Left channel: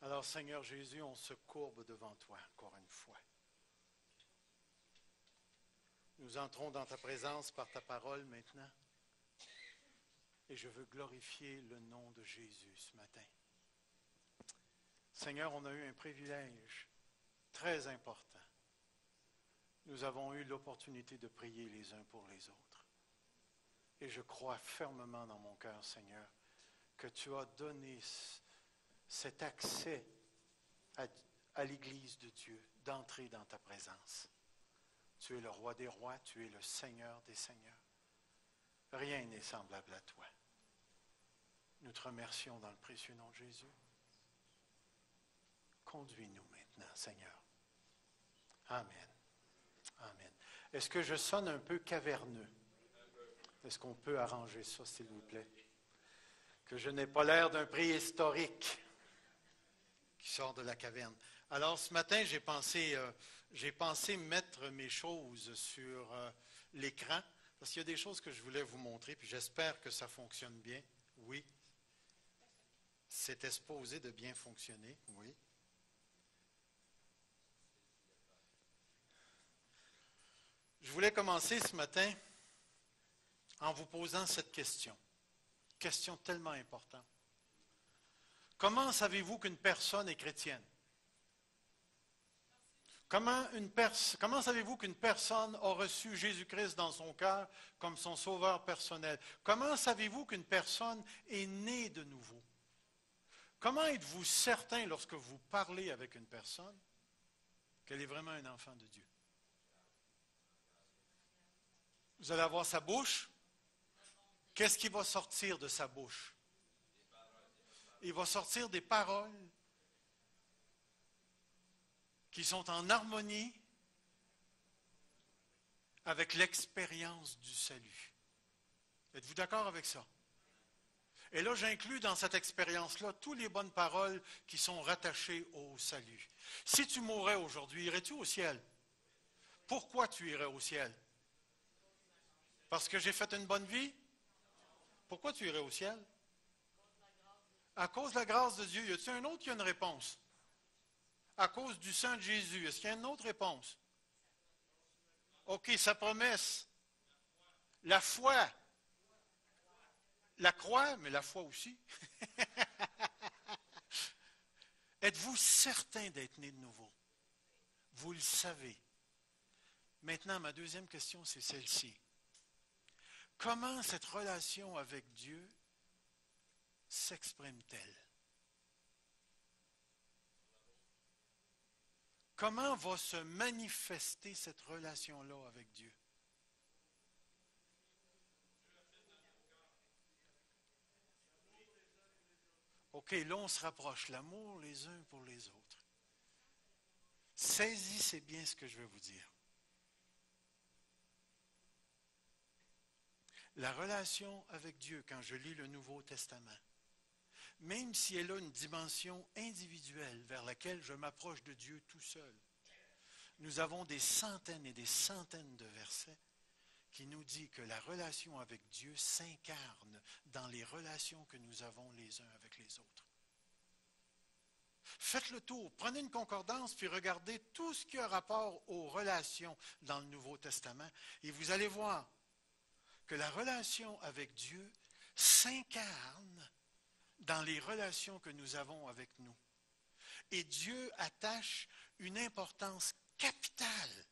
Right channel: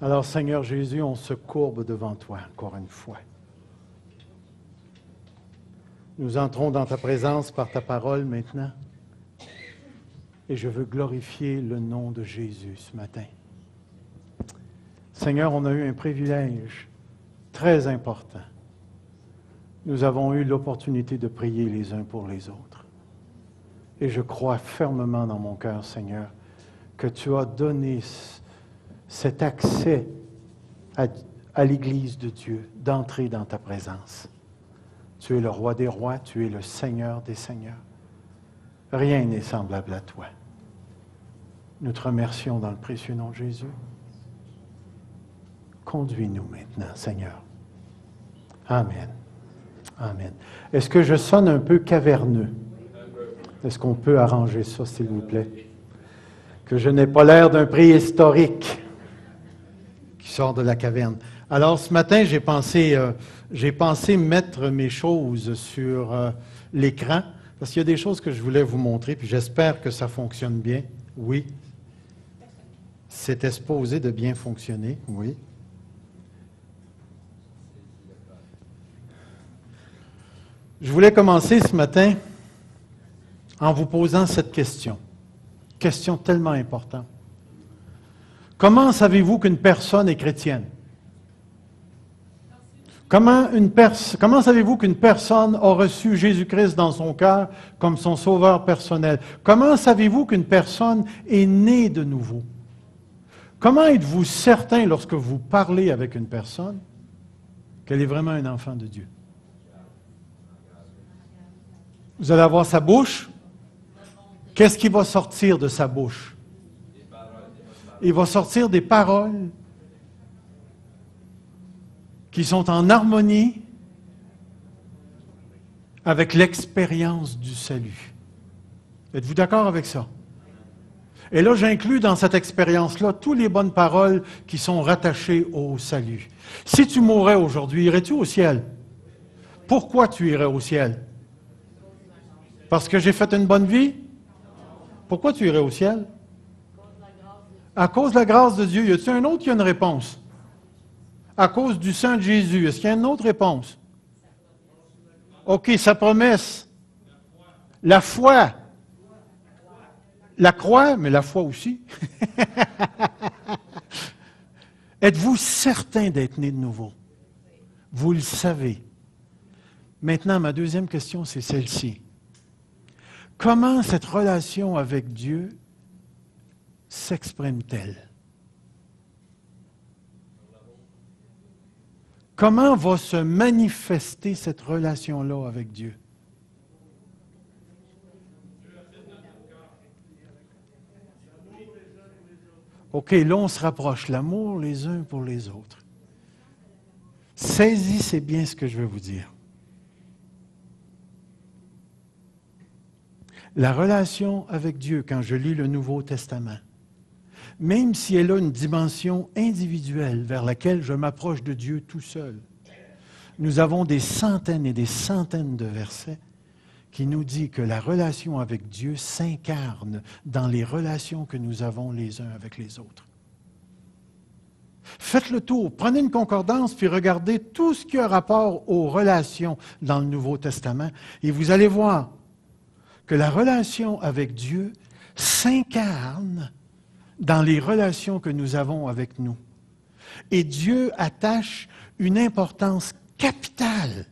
Alors, Seigneur Jésus, on se courbe devant toi encore une fois. Nous entrons dans ta présence par ta parole maintenant. Et je veux glorifier le nom de Jésus ce matin. Seigneur, on a eu un privilège très important. Nous avons eu l'opportunité de prier les uns pour les autres. Et je crois fermement dans mon cœur, Seigneur, que tu as donné cet accès à l'Église de Dieu, d'entrer dans ta présence. Tu es le roi des rois, tu es le Seigneur des seigneurs. Rien n'est semblable à toi. Nous te remercions dans le précieux nom de Jésus. Conduis-nous maintenant, Seigneur. Amen. Amen. Est-ce que je sonne un peu caverneux? Est-ce qu'on peut arranger ça, s'il vous plaît? Que je n'ai pas l'air d'un préhistorique qui sort de la caverne. Alors, ce matin, j'ai pensé mettre mes choses sur l'écran, parce qu'il y a des choses que je voulais vous montrer, puis j'espère que ça fonctionne bien. Oui. C'était supposé de bien fonctionner, oui. Je voulais commencer ce matin en vous posant cette question. Question tellement importante. Comment savez-vous qu'une personne est chrétienne? Comment savez-vous qu'une personne a reçu Jésus-Christ dans son cœur comme son sauveur personnel? Comment savez-vous qu'une personne est née de nouveau? Comment êtes-vous certain lorsque vous parlez avec une personne qu'elle est vraiment un enfant de Dieu? Vous allez avoir sa bouche. Qu'est-ce qui va sortir de sa bouche? Il va sortir des paroles qui sont en harmonie avec l'expérience du salut. Êtes-vous d'accord avec ça? Et là, j'inclus dans cette expérience-là toutes les bonnes paroles qui sont rattachées au salut. Si tu mourrais aujourd'hui, irais-tu au ciel? Pourquoi tu irais au ciel? Parce que j'ai fait une bonne vie? Pourquoi tu irais au ciel? À cause de la grâce de Dieu. Y a-t-il un autre qui a une réponse? À cause du sang de Jésus. Est-ce qu'il y a une autre réponse? OK, sa promesse. La foi. La croix, mais la foi aussi. Êtes-vous certain d'être né de nouveau? Vous le savez. Maintenant, ma deuxième question, c'est celle-ci. Comment cette relation avec Dieu s'exprime-t-elle? Comment va se manifester cette relation-là avec Dieu? OK, là, on se rapproche. L'amour les uns pour les autres. Saisissez bien ce que je vais vous dire. La relation avec Dieu, quand je lis le Nouveau Testament, même si elle a une dimension individuelle vers laquelle je m'approche de Dieu tout seul, nous avons des centaines et des centaines de versets qui nous disent que la relation avec Dieu s'incarne dans les relations que nous avons les uns avec les autres. Faites le tour, prenez une concordance, puis regardez tout ce qui a rapport aux relations dans le Nouveau Testament, et vous allez voir que la relation avec Dieu s'incarne dans les relations que nous avons avec nous. Et Dieu attache une importance capitale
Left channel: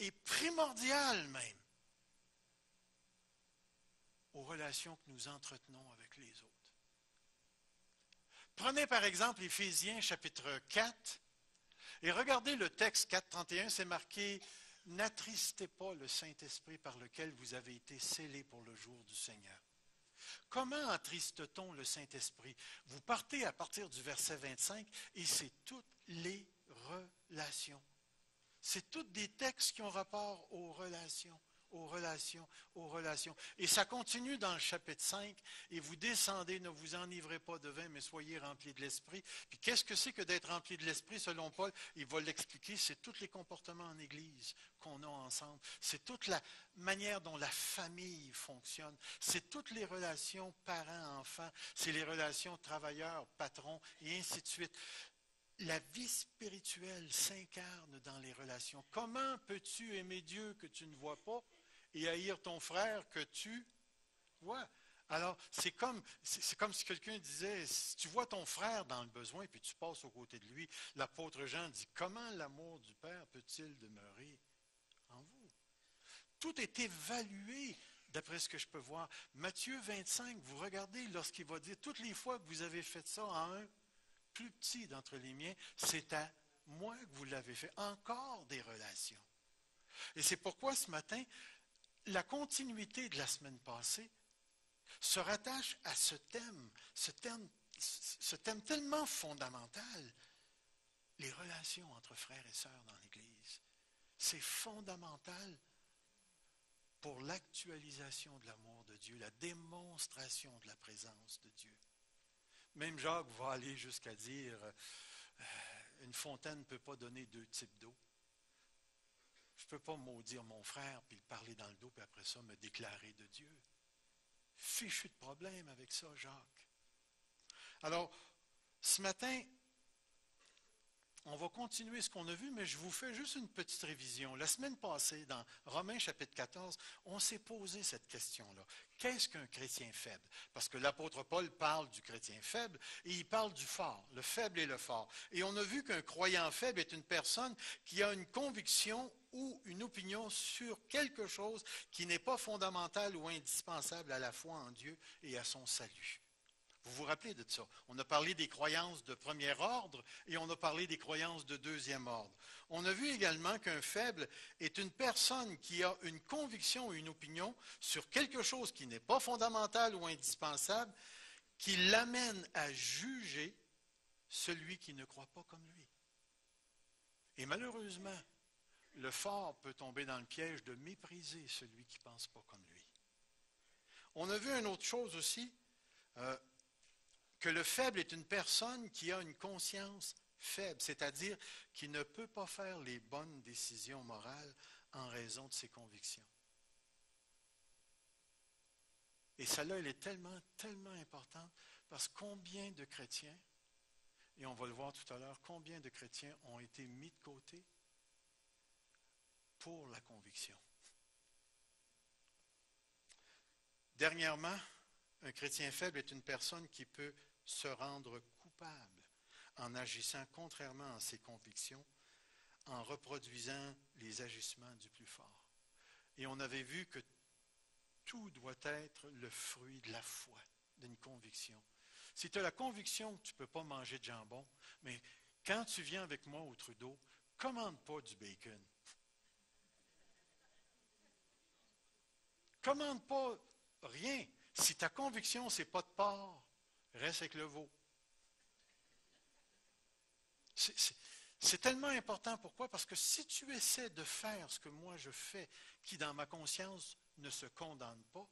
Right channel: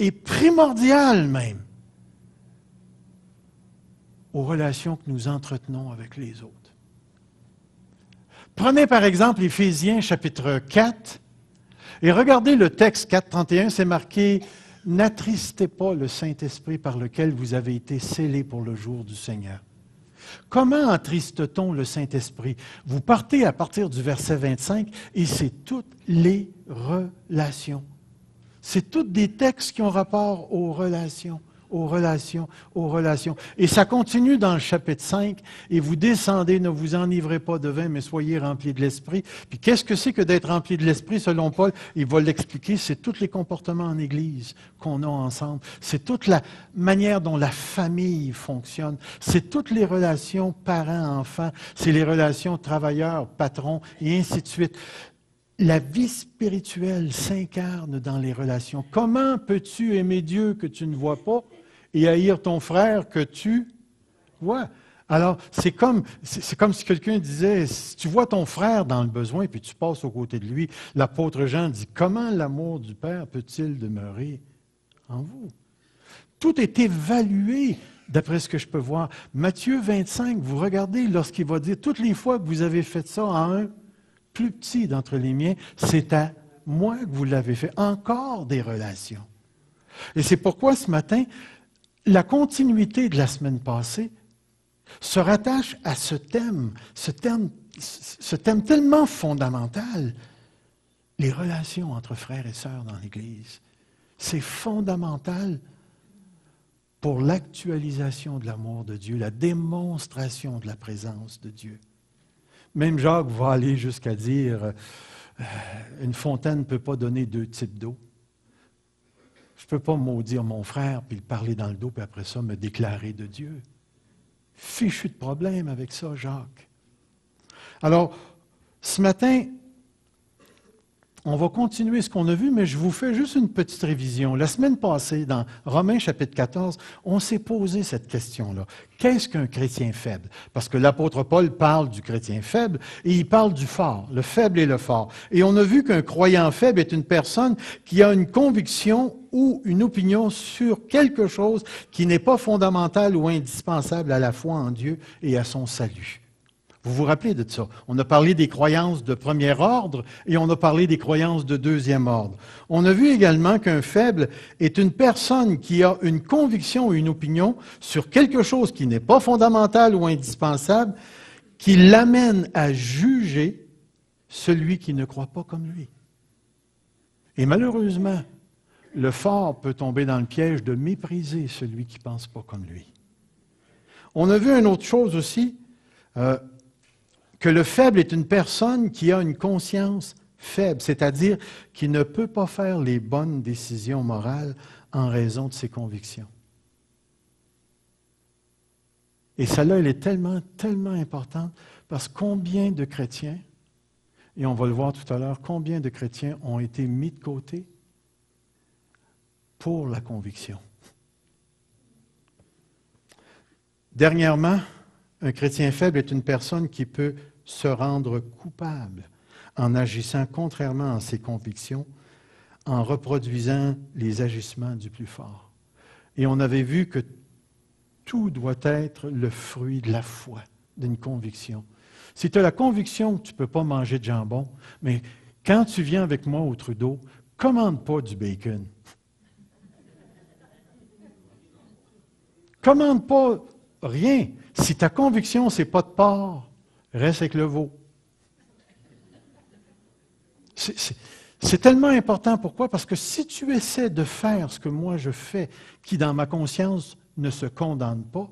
et primordiale même aux relations que nous entretenons avec les autres. Prenez par exemple Éphésiens chapitre 4 et regardez le texte 4.31, c'est marqué « N'attristez pas le Saint-Esprit par lequel vous avez été scellés pour le jour du Seigneur ». Comment attriste-t-on le Saint-Esprit? Vous partez à partir du verset 25 et c'est toutes les relations. C'est tous des textes qui ont rapport aux relations, aux relations, aux relations. Et ça continue dans le chapitre 5. Et vous descendez, ne vous enivrez pas de vin, mais soyez remplis de l'Esprit. Puis qu'est-ce que c'est que d'être rempli de l'Esprit, selon Paul? Il va l'expliquer, c'est tous les comportements en Église qu'on a ensemble. C'est toute la manière dont la famille fonctionne. C'est toutes les relations parents-enfants. C'est les relations travailleurs-patrons, et ainsi de suite. La vie spirituelle s'incarne dans les relations. Comment peux-tu aimer Dieu que tu ne vois pas et haïr ton frère que tu vois? Alors, c'est comme si quelqu'un disait, si tu vois ton frère dans le besoin puis tu passes aux côtés de lui, l'apôtre Jean dit, comment l'amour du Père peut-il demeurer en vous? Tout est évalué d'après ce que je peux voir. Matthieu 25, vous regardez lorsqu'il va dire, toutes les fois que vous avez fait ça à un plus petit d'entre les miens, c'est à moi que vous l'avez fait. Encore des relations. Et c'est pourquoi ce matin, la continuité de la semaine passée se rattache à ce thème tellement fondamental, les relations entre frères et sœurs dans l'Église. C'est fondamental pour l'actualisation de l'amour de Dieu, la démonstration de la présence de Dieu. Même Jacques va aller jusqu'à dire, une fontaine ne peut pas donner deux types d'eau. Je ne peux pas maudire mon frère, puis le parler dans le dos, puis après ça, me déclarer de Dieu. Fichu de problème avec ça, Jacques. Alors, ce matin, on va continuer ce qu'on a vu, mais je vous fais juste une petite révision. La semaine passée, dans Romains chapitre 14, on s'est posé cette question-là. Qu'est-ce qu'un chrétien faible? Parce que l'apôtre Paul parle du chrétien faible et il parle du fort, le faible et le fort. Et on a vu qu'un croyant faible est une personne qui a une conviction ou une opinion sur quelque chose qui n'est pas fondamental ou indispensable à la foi en Dieu et à son salut. Vous vous rappelez de ça? On a parlé des croyances de premier ordre et on a parlé des croyances de deuxième ordre. On a vu également qu'un faible est une personne qui a une conviction ou une opinion sur quelque chose qui n'est pas fondamental ou indispensable, qui l'amène à juger celui qui ne croit pas comme lui. Et malheureusement, le fort peut tomber dans le piège de mépriser celui qui ne pense pas comme lui. On a vu une autre chose aussi, que le faible est une personne qui a une conscience faible, c'est-à-dire qui ne peut pas faire les bonnes décisions morales en raison de ses convictions. Et celle-là, elle est tellement, tellement importante, parce que combien de chrétiens, et on va le voir tout à l'heure, combien de chrétiens ont été mis de côté pour la conviction. Dernièrement, un chrétien faible est une personne qui peut se rendre coupable en agissant contrairement à ses convictions, en reproduisant les agissements du plus fort. Et on avait vu que tout doit être le fruit de la foi, d'une conviction. Si tu as la conviction que tu ne peux pas manger de jambon, mais quand tu viens avec moi au Trudeau, commande pas du bacon. Commande pas rien. Si ta conviction, ce n'est pas de porc, reste avec le veau. C'est tellement important. Pourquoi? Parce que si tu essaies de faire ce que moi je fais, qui dans ma conscience ne se condamne pas,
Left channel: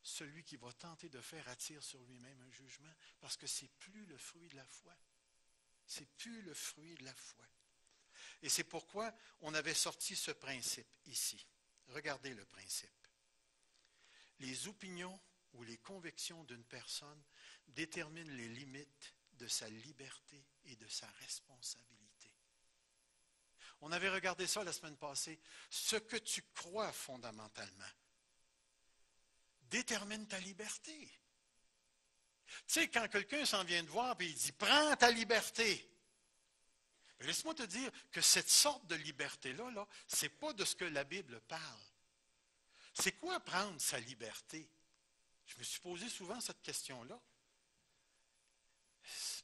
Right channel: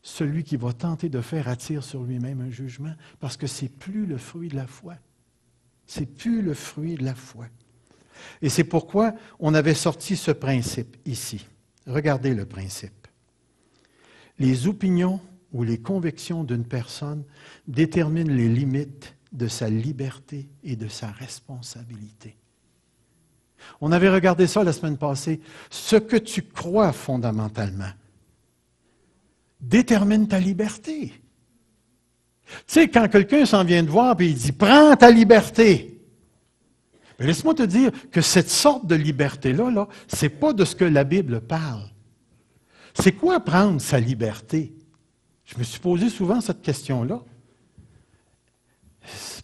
celui qui va tenter de faire attire sur lui-même un jugement, parce que ce n'est plus le fruit de la foi. C'est plus le fruit de la foi. Et c'est pourquoi on avait sorti ce principe ici. Regardez le principe. Les opinions ou les convictions d'une personne déterminent les limites de sa liberté et de sa responsabilité. On avait regardé ça la semaine passée. Ce que tu crois fondamentalement détermine ta liberté. Tu sais, quand quelqu'un s'en vient te voir et il dit « Prends ta liberté », laisse-moi te dire que cette sorte de liberté-là, ce n'est pas de ce que la Bible parle. C'est quoi prendre sa liberté? Je me suis posé souvent cette question-là.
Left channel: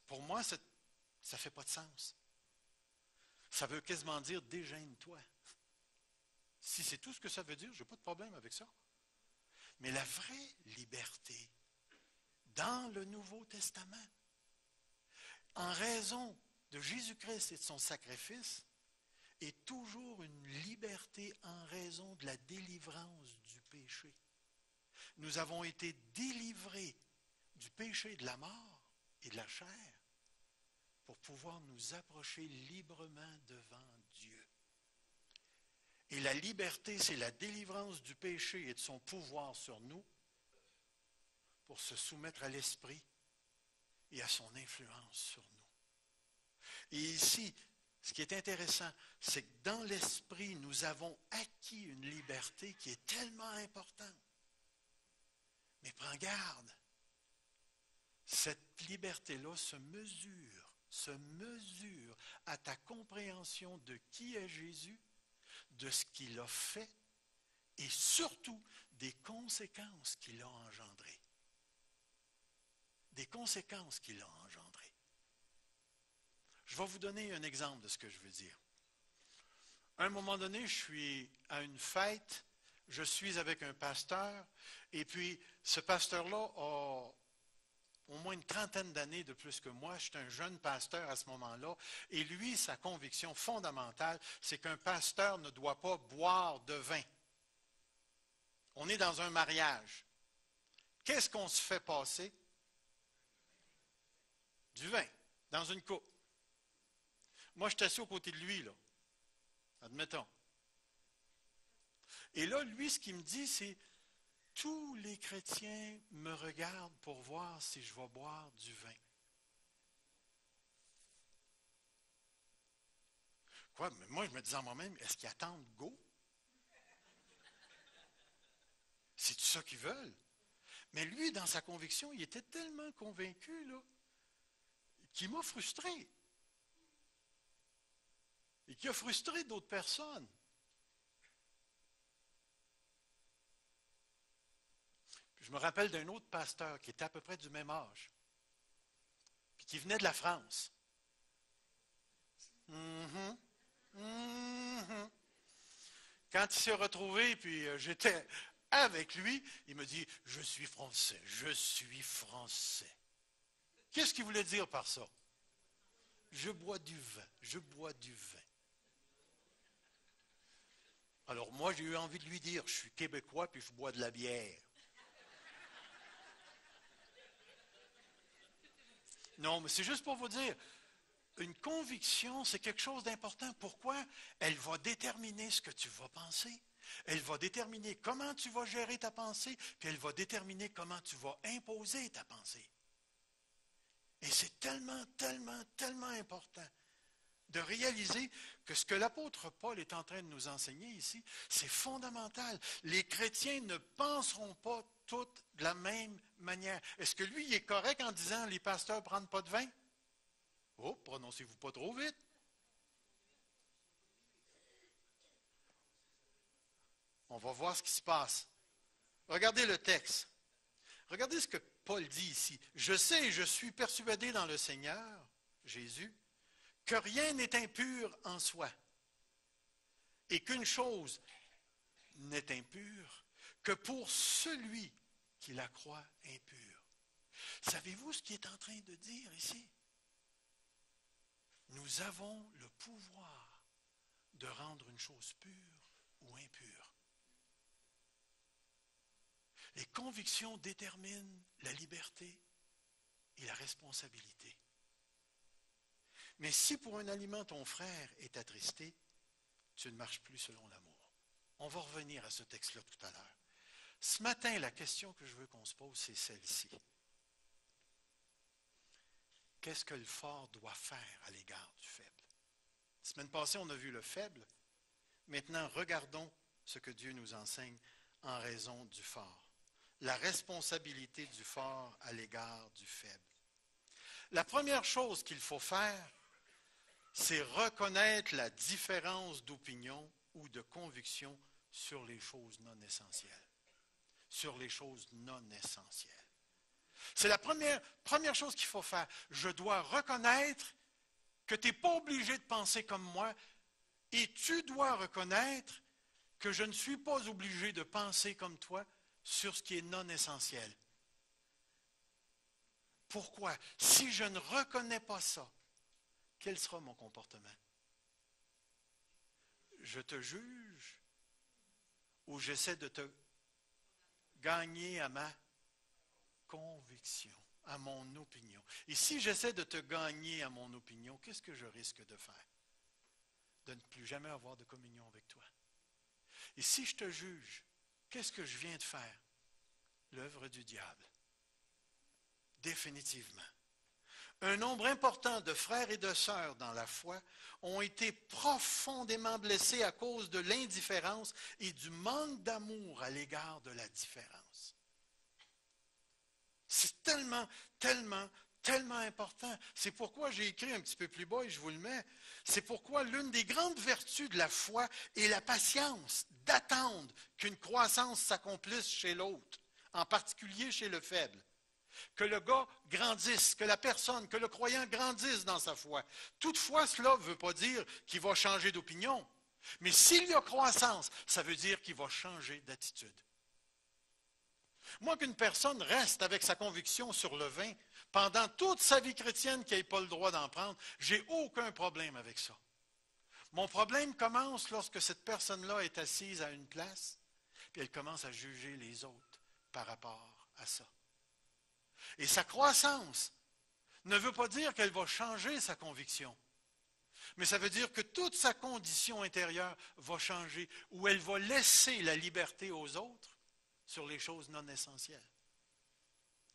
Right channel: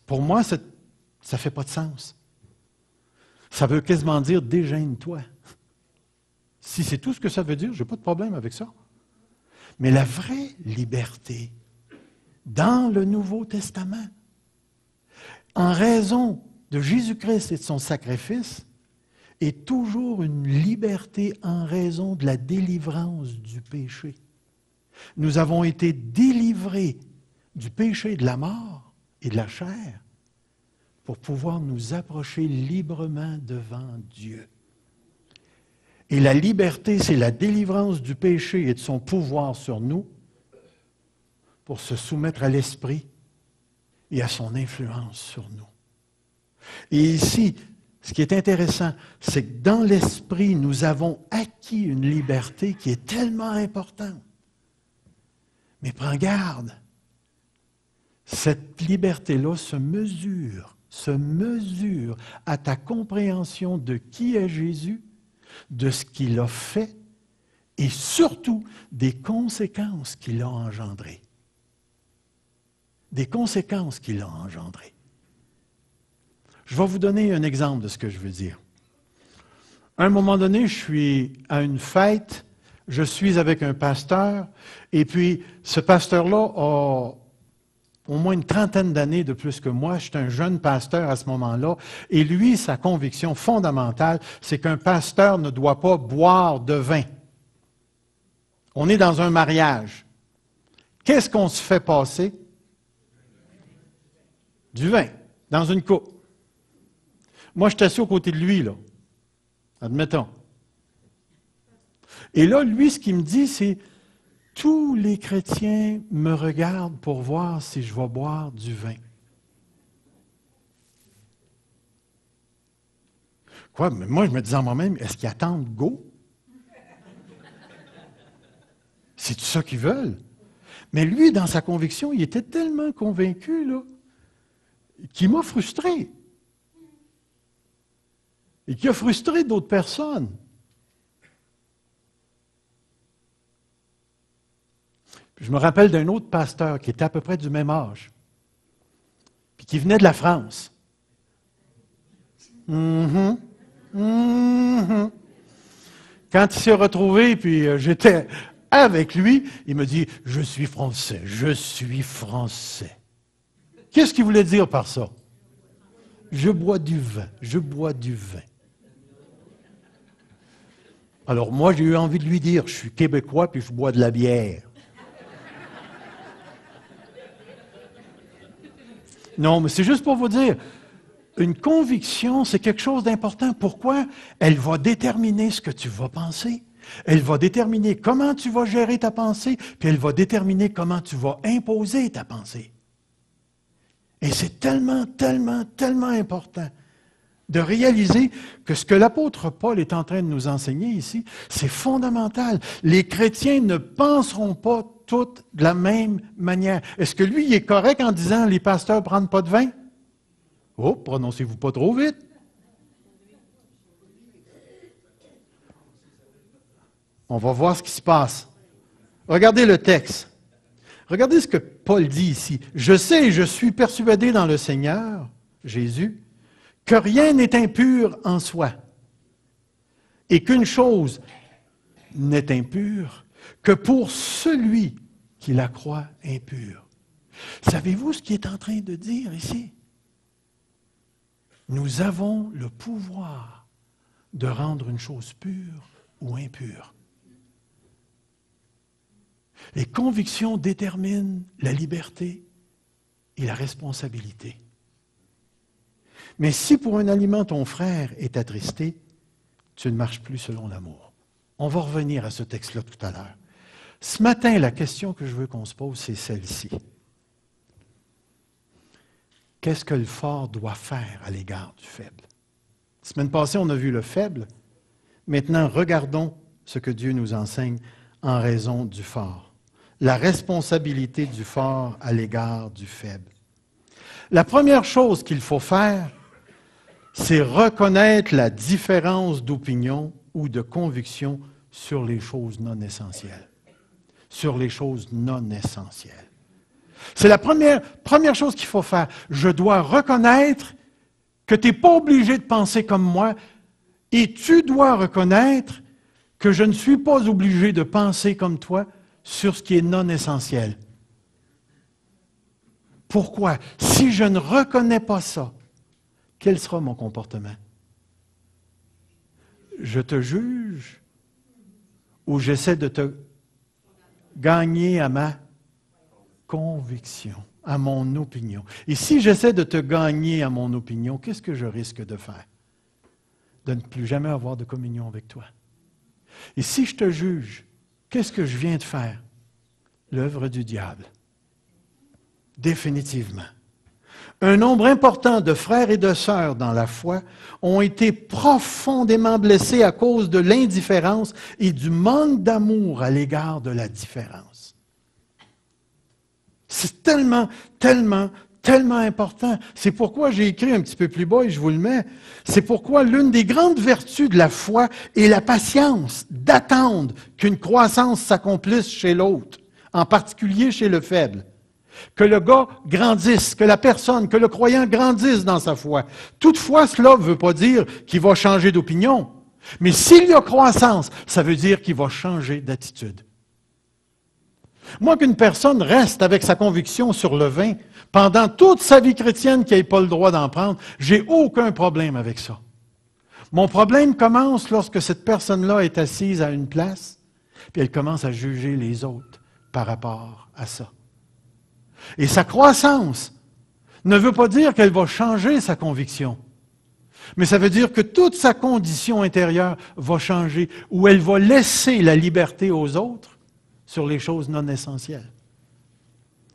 Pour moi, ça ne fait pas de sens. Ça veut quasiment dire « dégêne-toi ». Si c'est tout ce que ça veut dire, je n'ai pas de problème avec ça. Mais la vraie liberté, dans le Nouveau Testament, en raison de Jésus-Christ et de son sacrifice, est toujours une liberté en raison de la délivrance du péché. Nous avons été délivrés du péché de la mort et de la chair pour pouvoir nous approcher librement devant Dieu. Et la liberté, c'est la délivrance du péché et de son pouvoir sur nous pour se soumettre à l'Esprit et à son influence sur nous. Et ici, ce qui est intéressant, c'est que dans l'Esprit, nous avons acquis une liberté qui est tellement importante. Mais prends garde, cette liberté-là se mesure à ta compréhension de qui est Jésus, de ce qu'il a fait et surtout des conséquences qu'il a engendrées. Des conséquences qu'il a engendrées. Je vais vous donner un exemple de ce que je veux dire. À un moment donné, je suis à une fête, je suis avec un pasteur, et puis ce pasteur-là a au moins une trentaine d'années de plus que moi. J'étais un jeune pasteur à ce moment-là, et lui, sa conviction fondamentale, c'est qu'un pasteur ne doit pas boire de vin. On est dans un mariage. Qu'est-ce qu'on se fait passer? Du vin, dans une coupe. Moi, je suis assis aux côtés de lui, là. Admettons. Et là, lui, ce qu'il me dit, c'est tous les chrétiens me regardent pour voir si je vais boire du vin. Quoi? Mais moi, je me disais en moi-même, est-ce qu'ils attendent go? C'est tout ça qu'ils veulent. Mais lui, dans sa conviction, il était tellement convaincu, là, qu'il m'a frustré. Et qui a frustré d'autres personnes. Je me rappelle d'un autre pasteur qui était à peu près du même âge, puis qui venait de la France. Quand il s'est retrouvé, puis j'étais avec lui, il me dit « Je suis français, je suis français ». Qu'est-ce qu'il voulait dire par ça? Je bois du vin, je bois du vin. Alors moi, j'ai eu envie de lui dire, je suis québécois puis je bois de la bière. Non, mais c'est juste pour vous dire, une conviction, c'est quelque chose d'important. Pourquoi? Elle va déterminer ce que tu vas penser. Elle va déterminer comment tu vas gérer ta pensée, puis elle va déterminer comment tu vas imposer ta pensée. Et c'est tellement, tellement, tellement important de réaliser que ce que l'apôtre Paul est en train de nous enseigner ici, c'est fondamental. Les chrétiens ne penseront pas toutes de la même manière. Est-ce que lui, il est correct en disant « les pasteurs ne prennent pas de vin » ? Oh, prononcez-vous pas trop vite. On va voir ce qui se passe. Regardez le texte. Regardez ce que Paul dit ici. « Je sais et je suis persuadé dans le Seigneur, Jésus, que rien n'est impur en soi, et qu'une chose n'est impure que pour celui qui la croit impure. » Savez-vous ce qu'il est en train de dire ici? Nous avons le pouvoir de rendre une chose pure ou impure. Les convictions déterminent la liberté et la responsabilité. Mais si pour un aliment ton frère est attristé, tu ne marches plus selon l'amour. On va revenir à ce texte-là tout à l'heure. Ce matin, la question que je veux qu'on se pose, c'est celle-ci. Qu'est-ce que le fort doit faire à l'égard du faible? La semaine passée, on a vu le faible. Maintenant, regardons ce que Dieu nous enseigne en raison du fort. La responsabilité du fort à l'égard du faible. La première chose qu'il faut faire, c'est reconnaître la différence d'opinion ou de conviction sur les choses non essentielles. Sur les choses non essentielles. C'est la première chose qu'il faut faire. Je dois reconnaître que tu n'es pas obligé de penser comme moi et tu dois reconnaître que je ne suis pas obligé de penser comme toi sur ce qui est non essentiel. Pourquoi? Si je ne reconnais pas ça, quel sera mon comportement? je te juge ou j'essaie de te gagner à ma conviction, à mon opinion. Et si j'essaie de te gagner à mon opinion, qu'est-ce que je risque de faire? De ne plus jamais avoir de communion avec toi. Et si je te juge, qu'est-ce que je viens de faire? L'œuvre du diable. Définitivement. Un nombre important de frères et de sœurs dans la foi ont été profondément blessés à cause de l'indifférence et du manque d'amour à l'égard de la différence. C'est tellement, tellement, tellement important. C'est pourquoi j'ai écrit un petit peu plus bas et je vous le mets. C'est pourquoi l'une des grandes vertus de la foi est la patience, d'attendre qu'une croissance s'accomplisse chez l'autre, en particulier chez le faible. Que le gars grandisse, que la personne, que le croyant grandisse dans sa foi. Toutefois, cela ne veut pas dire qu'il va changer d'opinion. Mais s'il y a croissance, ça veut dire qu'il va changer d'attitude. Moi, qu'une personne reste avec sa conviction sur le vin pendant toute sa vie chrétienne qu'il n'ait pas le droit d'en prendre, j'ai aucun problème avec ça. Mon problème commence lorsque cette personne-là est assise à une place, puis elle commence à juger les autres par rapport à ça. Et sa croissance ne veut pas dire qu'elle va changer sa conviction, mais ça veut dire que toute sa condition intérieure va changer, ou elle va laisser la liberté aux autres sur les choses non essentielles.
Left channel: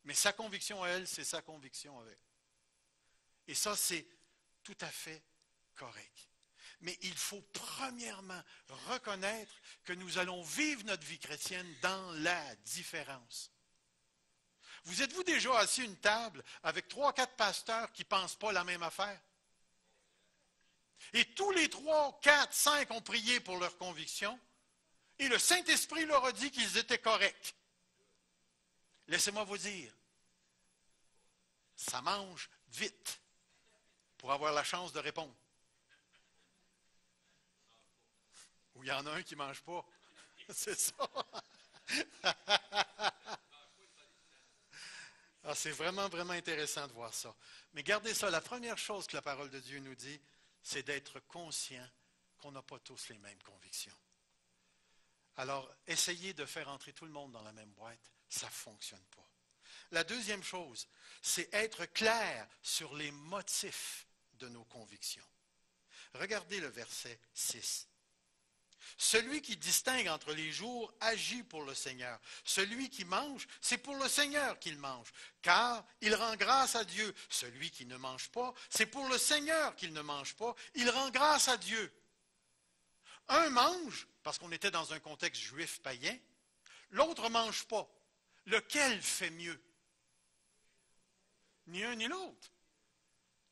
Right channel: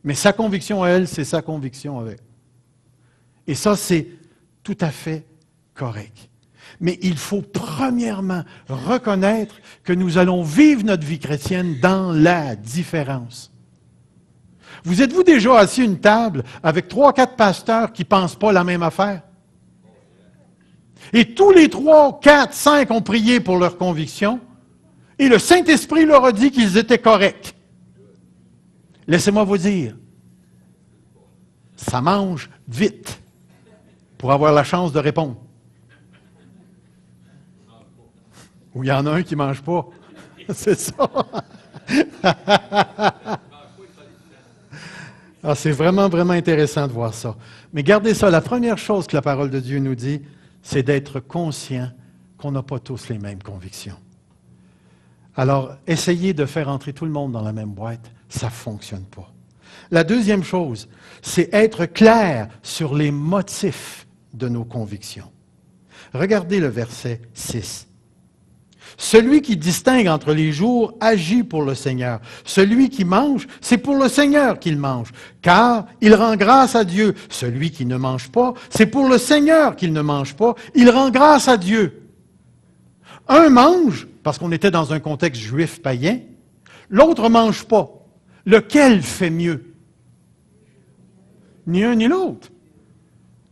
Mais sa conviction à elle, c'est sa conviction avec. Et ça, c'est tout à fait correct. Mais il faut premièrement reconnaître que nous allons vivre notre vie chrétienne dans la différence. Vous êtes-vous déjà assis à une table avec 3-4 pasteurs qui ne pensent pas la même affaire? Et tous les 3, 4, 5 ont prié pour leur conviction et le Saint-Esprit leur a dit qu'ils étaient corrects. Laissez-moi vous dire, ça mange vite pour avoir la chance de répondre. Ou il y en a un qui ne mange pas. C'est ça. Ah, c'est vraiment, vraiment intéressant de voir ça. Mais gardez ça, la première chose que la parole de Dieu nous dit, c'est d'être conscient qu'on n'a pas tous les mêmes convictions. Alors, essayez de faire entrer tout le monde dans la même boîte, ça ne fonctionne pas. La deuxième chose, c'est être clair sur les motifs de nos convictions. Regardez le verset 6. Celui qui distingue entre les jours agit pour le Seigneur. Celui qui mange, c'est pour le Seigneur qu'il mange, car il rend grâce à Dieu. Celui qui ne mange pas, c'est pour le Seigneur qu'il ne mange pas, il rend grâce à Dieu. Un mange, parce qu'on était dans un contexte juif païen, l'autre ne mange pas. Lequel fait mieux? Ni un ni l'autre.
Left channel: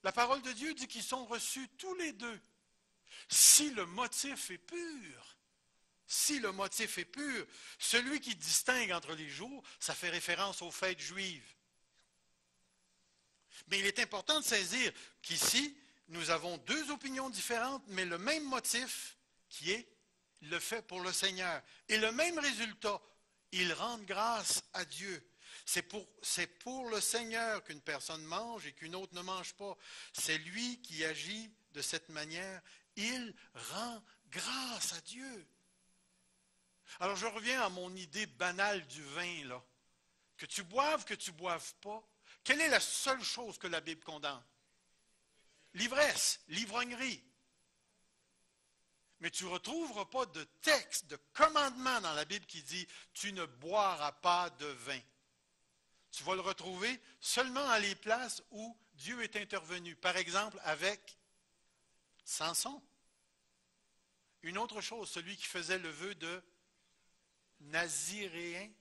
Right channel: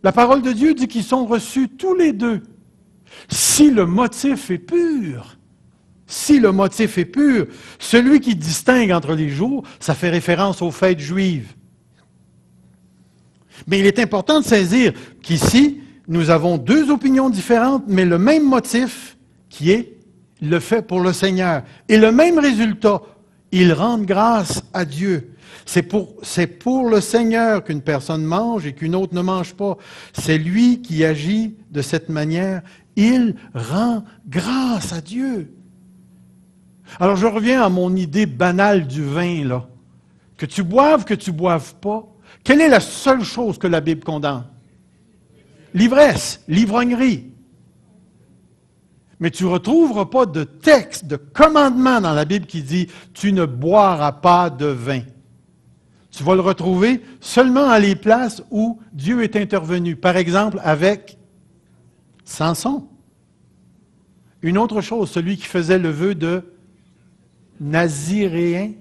La parole de Dieu dit qu'ils sont reçus tous les deux. Si le motif est pur, celui qui distingue entre les jours, ça fait référence aux fêtes juives. Mais il est important de saisir qu'ici, nous avons deux opinions différentes, mais le même motif qui est le fait pour le Seigneur. Et le même résultat, ils rendent grâce à Dieu. C'est pour le Seigneur qu'une personne mange et qu'une autre ne mange pas. C'est lui qui agit de cette manière. Il rend grâce à Dieu. Alors je reviens à mon idée banale du vin, là. Que tu boives pas, quelle est la seule chose que la Bible condamne? L'ivresse, l'ivrognerie. Mais tu ne retrouveras pas de texte, de commandement dans la Bible qui dit « tu ne boiras pas de vin ». Tu vas le retrouver seulement à les places où Dieu est intervenu. Par exemple, avec Samson. Une autre chose, celui qui faisait le vœu de Naziréa.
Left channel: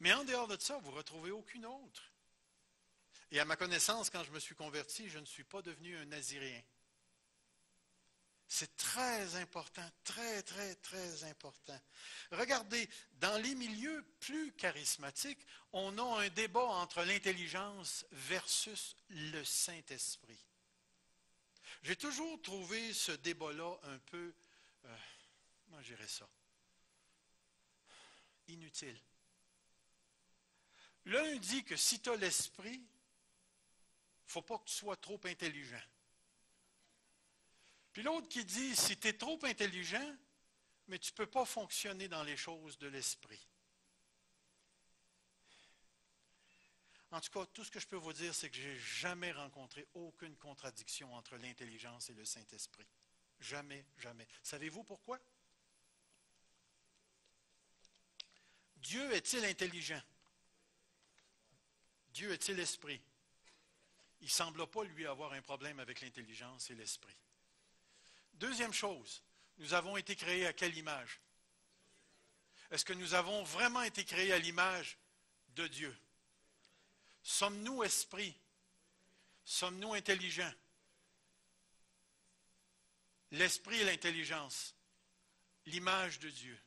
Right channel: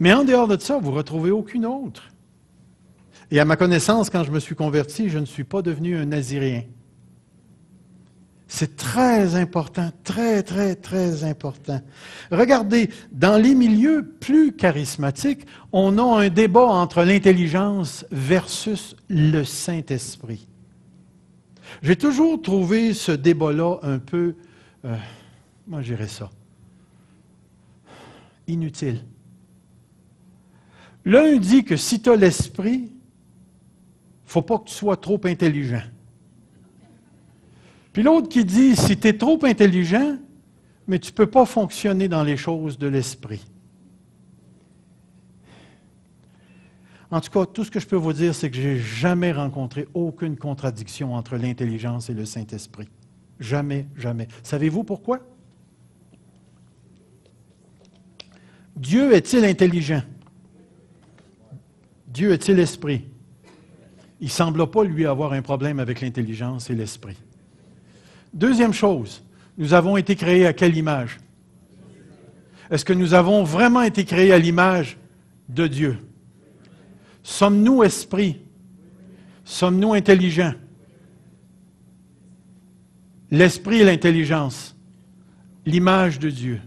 Mais en dehors de ça, vous ne retrouvez aucune autre. Et à ma connaissance, quand je me suis converti, je ne suis pas devenu un Naziréen. C'est très important, très, très, très important. Regardez, dans les milieux plus charismatiques, on a un débat entre l'intelligence versus le Saint-Esprit. J'ai toujours trouvé ce débat-là un peu, moi je dirais ça, inutile. L'un dit que si tu as l'esprit, il ne faut pas que tu sois trop intelligent. Puis l'autre qui dit, si tu es trop intelligent, mais tu ne peux pas fonctionner dans les choses de l'esprit. En tout cas, tout ce que je peux vous dire, c'est que je n'ai jamais rencontré aucune contradiction entre l'intelligence et le Saint-Esprit. Jamais, jamais. Savez-vous pourquoi? Dieu est-il intelligent? Dieu est-il esprit? Il ne semble pas, lui, avoir un problème avec l'intelligence et l'esprit. Deuxième chose, nous avons été créés à quelle image? Est-ce que nous avons vraiment été créés à l'image de Dieu? Sommes-nous esprits? Sommes-nous intelligents? L'esprit et l'intelligence, l'image de Dieu.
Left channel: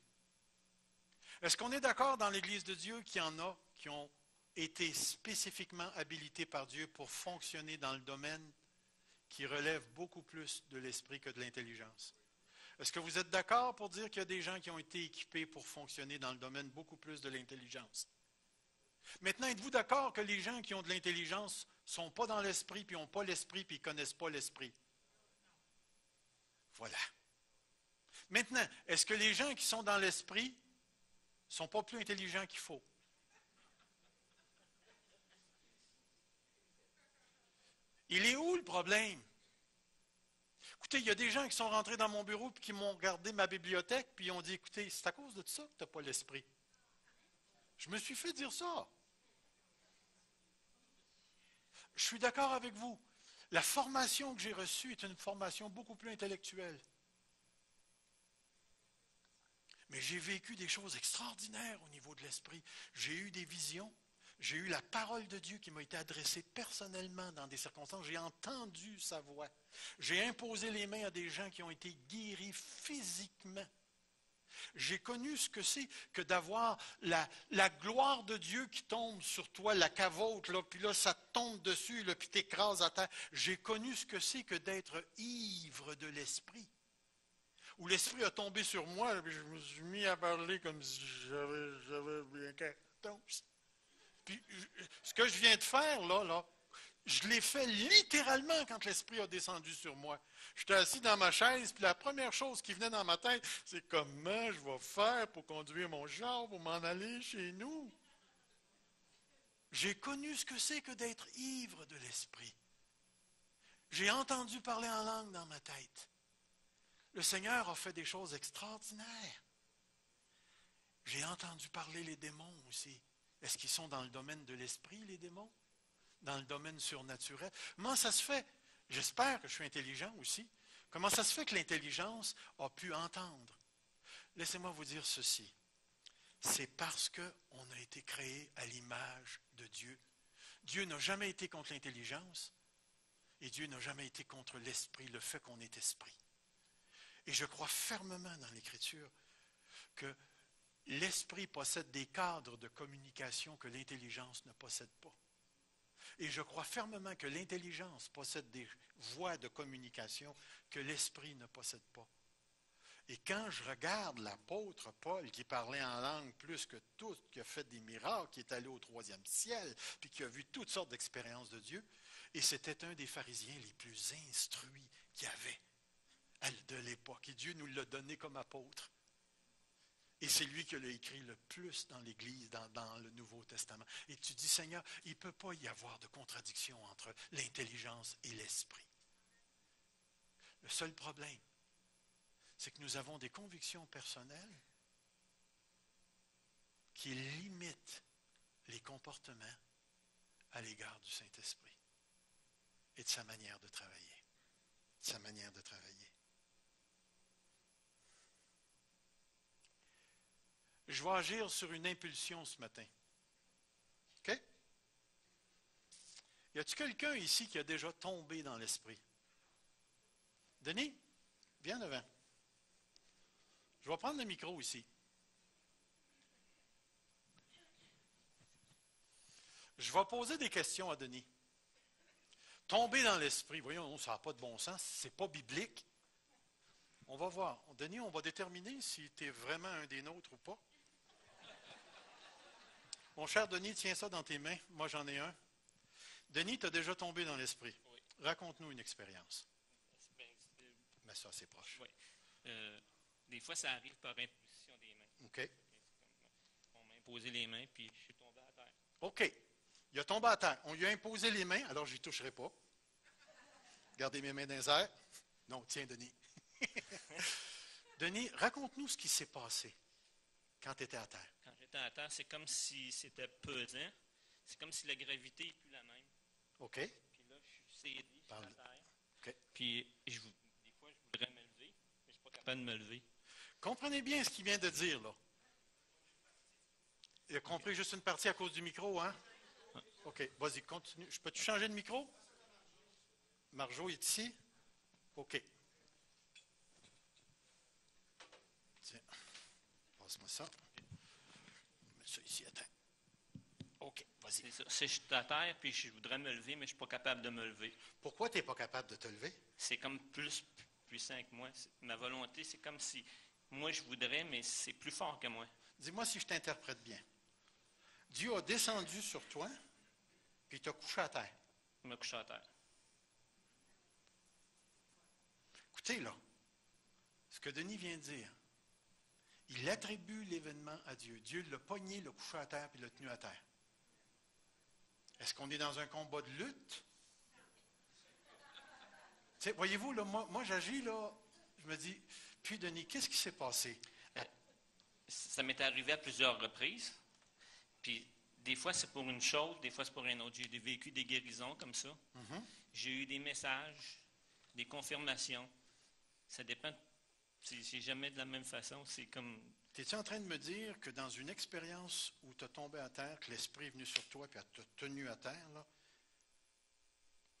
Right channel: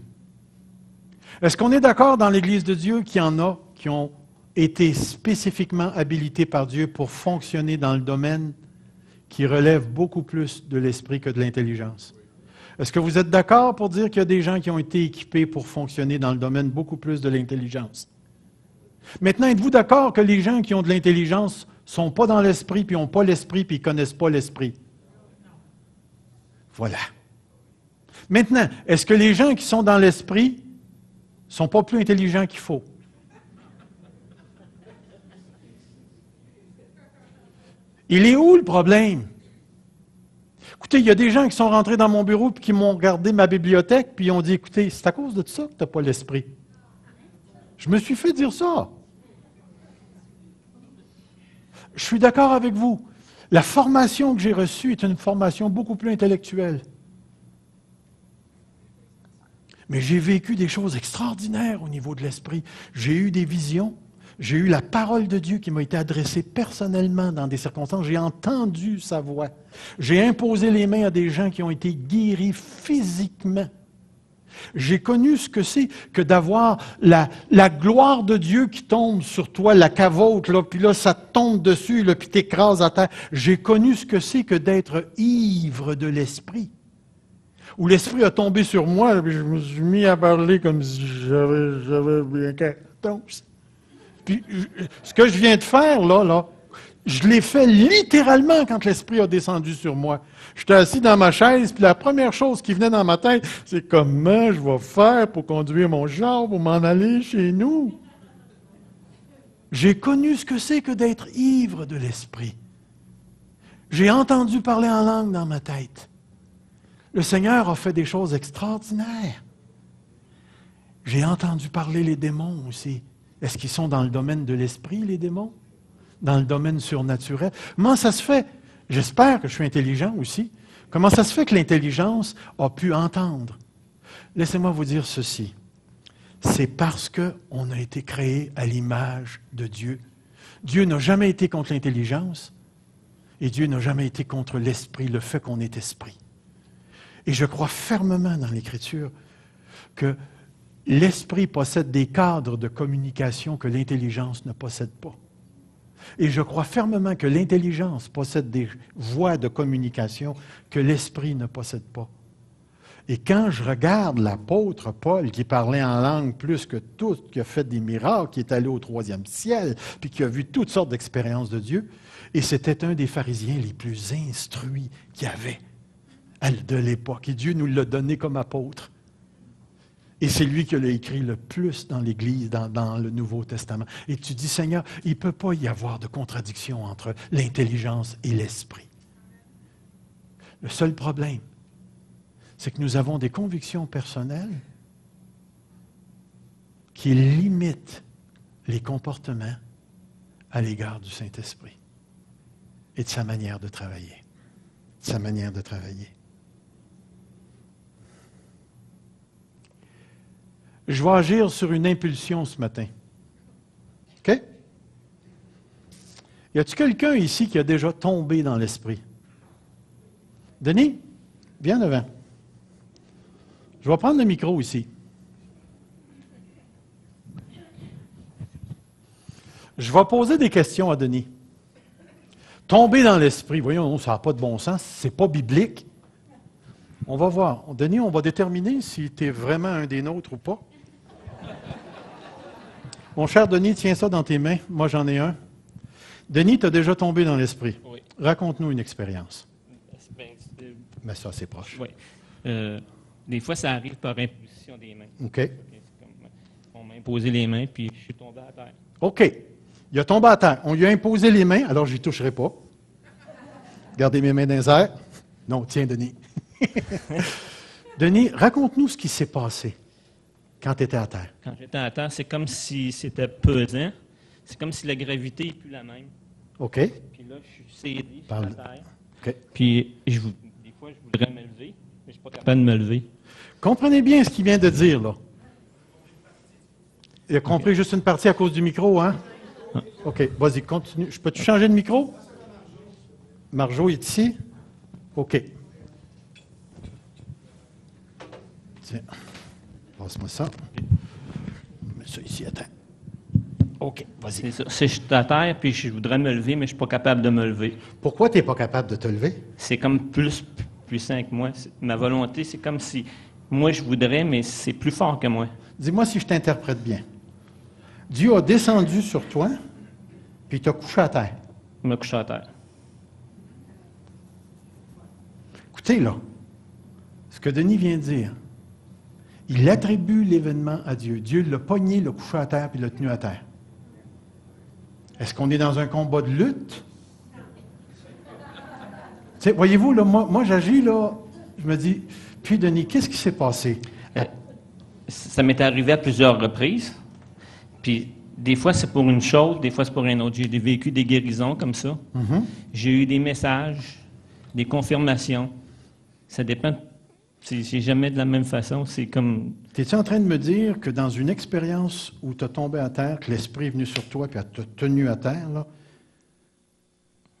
Est-ce qu'on est d'accord dans l'Église de Dieu qu'il y en a qui ont été spécifiquement habilités par Dieu pour fonctionner dans le domaine qui relève beaucoup plus de l'esprit que de l'intelligence? Est-ce que vous êtes d'accord pour dire qu'il y a des gens qui ont été équipés pour fonctionner dans le domaine beaucoup plus de l'intelligence? Maintenant, êtes-vous d'accord que les gens qui ont de l'intelligence ne sont pas dans l'esprit, puis n'ont pas l'esprit, puis ils ne connaissent pas l'esprit? Voilà. Maintenant, est-ce que les gens qui sont dans l'esprit ne sont pas plus intelligents qu'il faut? Il est où le problème? Écoutez, il y a des gens qui sont rentrés dans mon bureau et qui m'ont regardé ma bibliothèque, puis ils ont dit, écoutez, c'est à cause de ça que tu n'as pas l'esprit. Je me suis fait dire ça. Je suis d'accord avec vous. La formation que j'ai reçue est une formation beaucoup plus intellectuelle. Mais j'ai vécu des choses extraordinaires au niveau de l'esprit. J'ai eu des visions. J'ai eu la parole de Dieu qui m'a été adressée personnellement dans des circonstances. J'ai entendu sa voix. J'ai imposé les mains à des gens qui ont été guéris physiquement. J'ai connu ce que c'est que d'avoir la gloire de Dieu qui tombe sur toi, la cavote, là, puis là, ça tombe dessus, là, puis t'écrases à terre. J'ai connu ce que c'est que d'être ivre de l'esprit. Où l'esprit a tombé sur moi, là, puis je me suis mis à parler comme si j'avais bien quatorze. Puis, ce que je viens de faire, là, je l'ai fait littéralement quand l'Esprit a descendu sur moi. J'étais assis dans ma chaise, puis la première chose qui venait dans ma tête, c'est comment je vais faire pour conduire mon char, pour m'en aller chez nous. J'ai connu ce que c'est que d'être ivre de l'Esprit. J'ai entendu parler en langue dans ma tête. Le Seigneur a fait des choses extraordinaires. J'ai entendu parler les démons aussi. Est-ce qu'ils sont dans le domaine de l'esprit, les démons? Dans le domaine surnaturel? Comment ça se fait? J'espère que je suis intelligent aussi. Comment ça se fait que l'intelligence a pu entendre? Laissez-moi vous dire ceci. C'est parce qu'on a été créé à l'image de Dieu. Dieu n'a jamais été contre l'intelligence et Dieu n'a jamais été contre l'esprit, le fait qu'on est esprit. Et je crois fermement dans l'Écriture que l'esprit possède des cadres de communication que l'intelligence ne possède pas. Et je crois fermement que l'intelligence possède des voies de communication que l'esprit ne possède pas. Et quand je regarde l'apôtre Paul, qui parlait en langue plus que tout, qui a fait des miracles, qui est allé au 3e ciel, puis qui a vu toutes sortes d'expériences de Dieu, et c'était un des pharisiens les plus instruits qu'il y avait de l'époque. Et Dieu nous l'a donné comme apôtre. Et c'est lui qui l'a écrit le plus dans l'Église, dans le Nouveau Testament. Et tu dis, Seigneur, il ne peut pas y avoir de contradiction entre l'intelligence et l'esprit. Le seul problème, c'est que nous avons des convictions personnelles qui limitent les comportements à l'égard du Saint-Esprit et de sa manière de travailler. De sa manière de travailler. Je vais agir sur une impulsion ce matin. OK? Y a-t-il quelqu'un ici qui a déjà tombé dans l'esprit? Denis, viens devant. Je vais prendre le micro ici. Je vais poser des questions à Denis. Tomber dans l'esprit, voyons, ça n'a pas de bon sens, c'est pas biblique. On va voir. Denis, on va déterminer si tu es vraiment un des nôtres ou pas. Mon cher Denis, tiens ça dans tes mains. Moi, j'en ai un. Denis, tu as déjà tombé dans l'esprit. Oui. Raconte-nous une expérience. Bien, Mais ça, c'est proche. Oui. Des fois, ça arrive par imposition des mains. OK. C'est comme, on m'a imposé les mains, puis je suis tombé à terre. OK. Il a tombé à terre. On lui a imposé les mains, alors je n'y toucherai pas. Gardez mes mains dans les airs. Non, tiens, Denis. Denis, raconte-nous ce qui s'est passé quand tu étais à terre. Quand j'étais à terre, c'est comme si c'était pesant. C'est comme si la gravité n'est plus la même. OK. Puis là, je suis saisi, je suis Parle. à terre. OK. Puis des fois, je voudrais me lever, mais je ne suis pas capable de me lever. Comprenez bien ce qu'il vient de dire, là. Il a compris juste une partie à cause du micro, hein? OK, vas-y, continue. Peux-tu changer de micro? Marjo est ici? OK. Tiens, passe-moi ça. Mets ça ici, attends. OK, vas-y. C'est ça. Je suis à terre, puis je voudrais me lever, mais je ne suis pas capable de me lever. Pourquoi tu n'es pas capable de te lever? C'est comme plus puissant que moi. Ma volonté, c'est comme si moi, je voudrais, mais c'est plus fort que moi. Dis-moi si je t'interprète bien. Dieu a descendu sur toi, puis il t'a couché à terre. Il m'a couché à terre. Écoutez, là, ce que Denis vient de dire, il attribue l'événement à Dieu. Dieu l'a pogné, l'a couché à terre, puis l'a tenu à terre. Est-ce qu'on est dans un combat de lutte? T'sais, voyez-vous, là, moi j'agis, là, je me dis, puis Denis, qu'est-ce qui s'est passé? Ça m'est arrivé à plusieurs reprises. Puis des fois, c'est pour une chose, des fois, c'est pour une autre. J'ai vécu des guérisons comme ça. J'ai eu des messages, des confirmations. Ça dépend. C'est jamais de la même façon. C'est comme... Es-tu en train de me dire que dans une expérience où tu as tombé à terre, que l'Esprit est venu sur toi et t'a tenu à terre, là,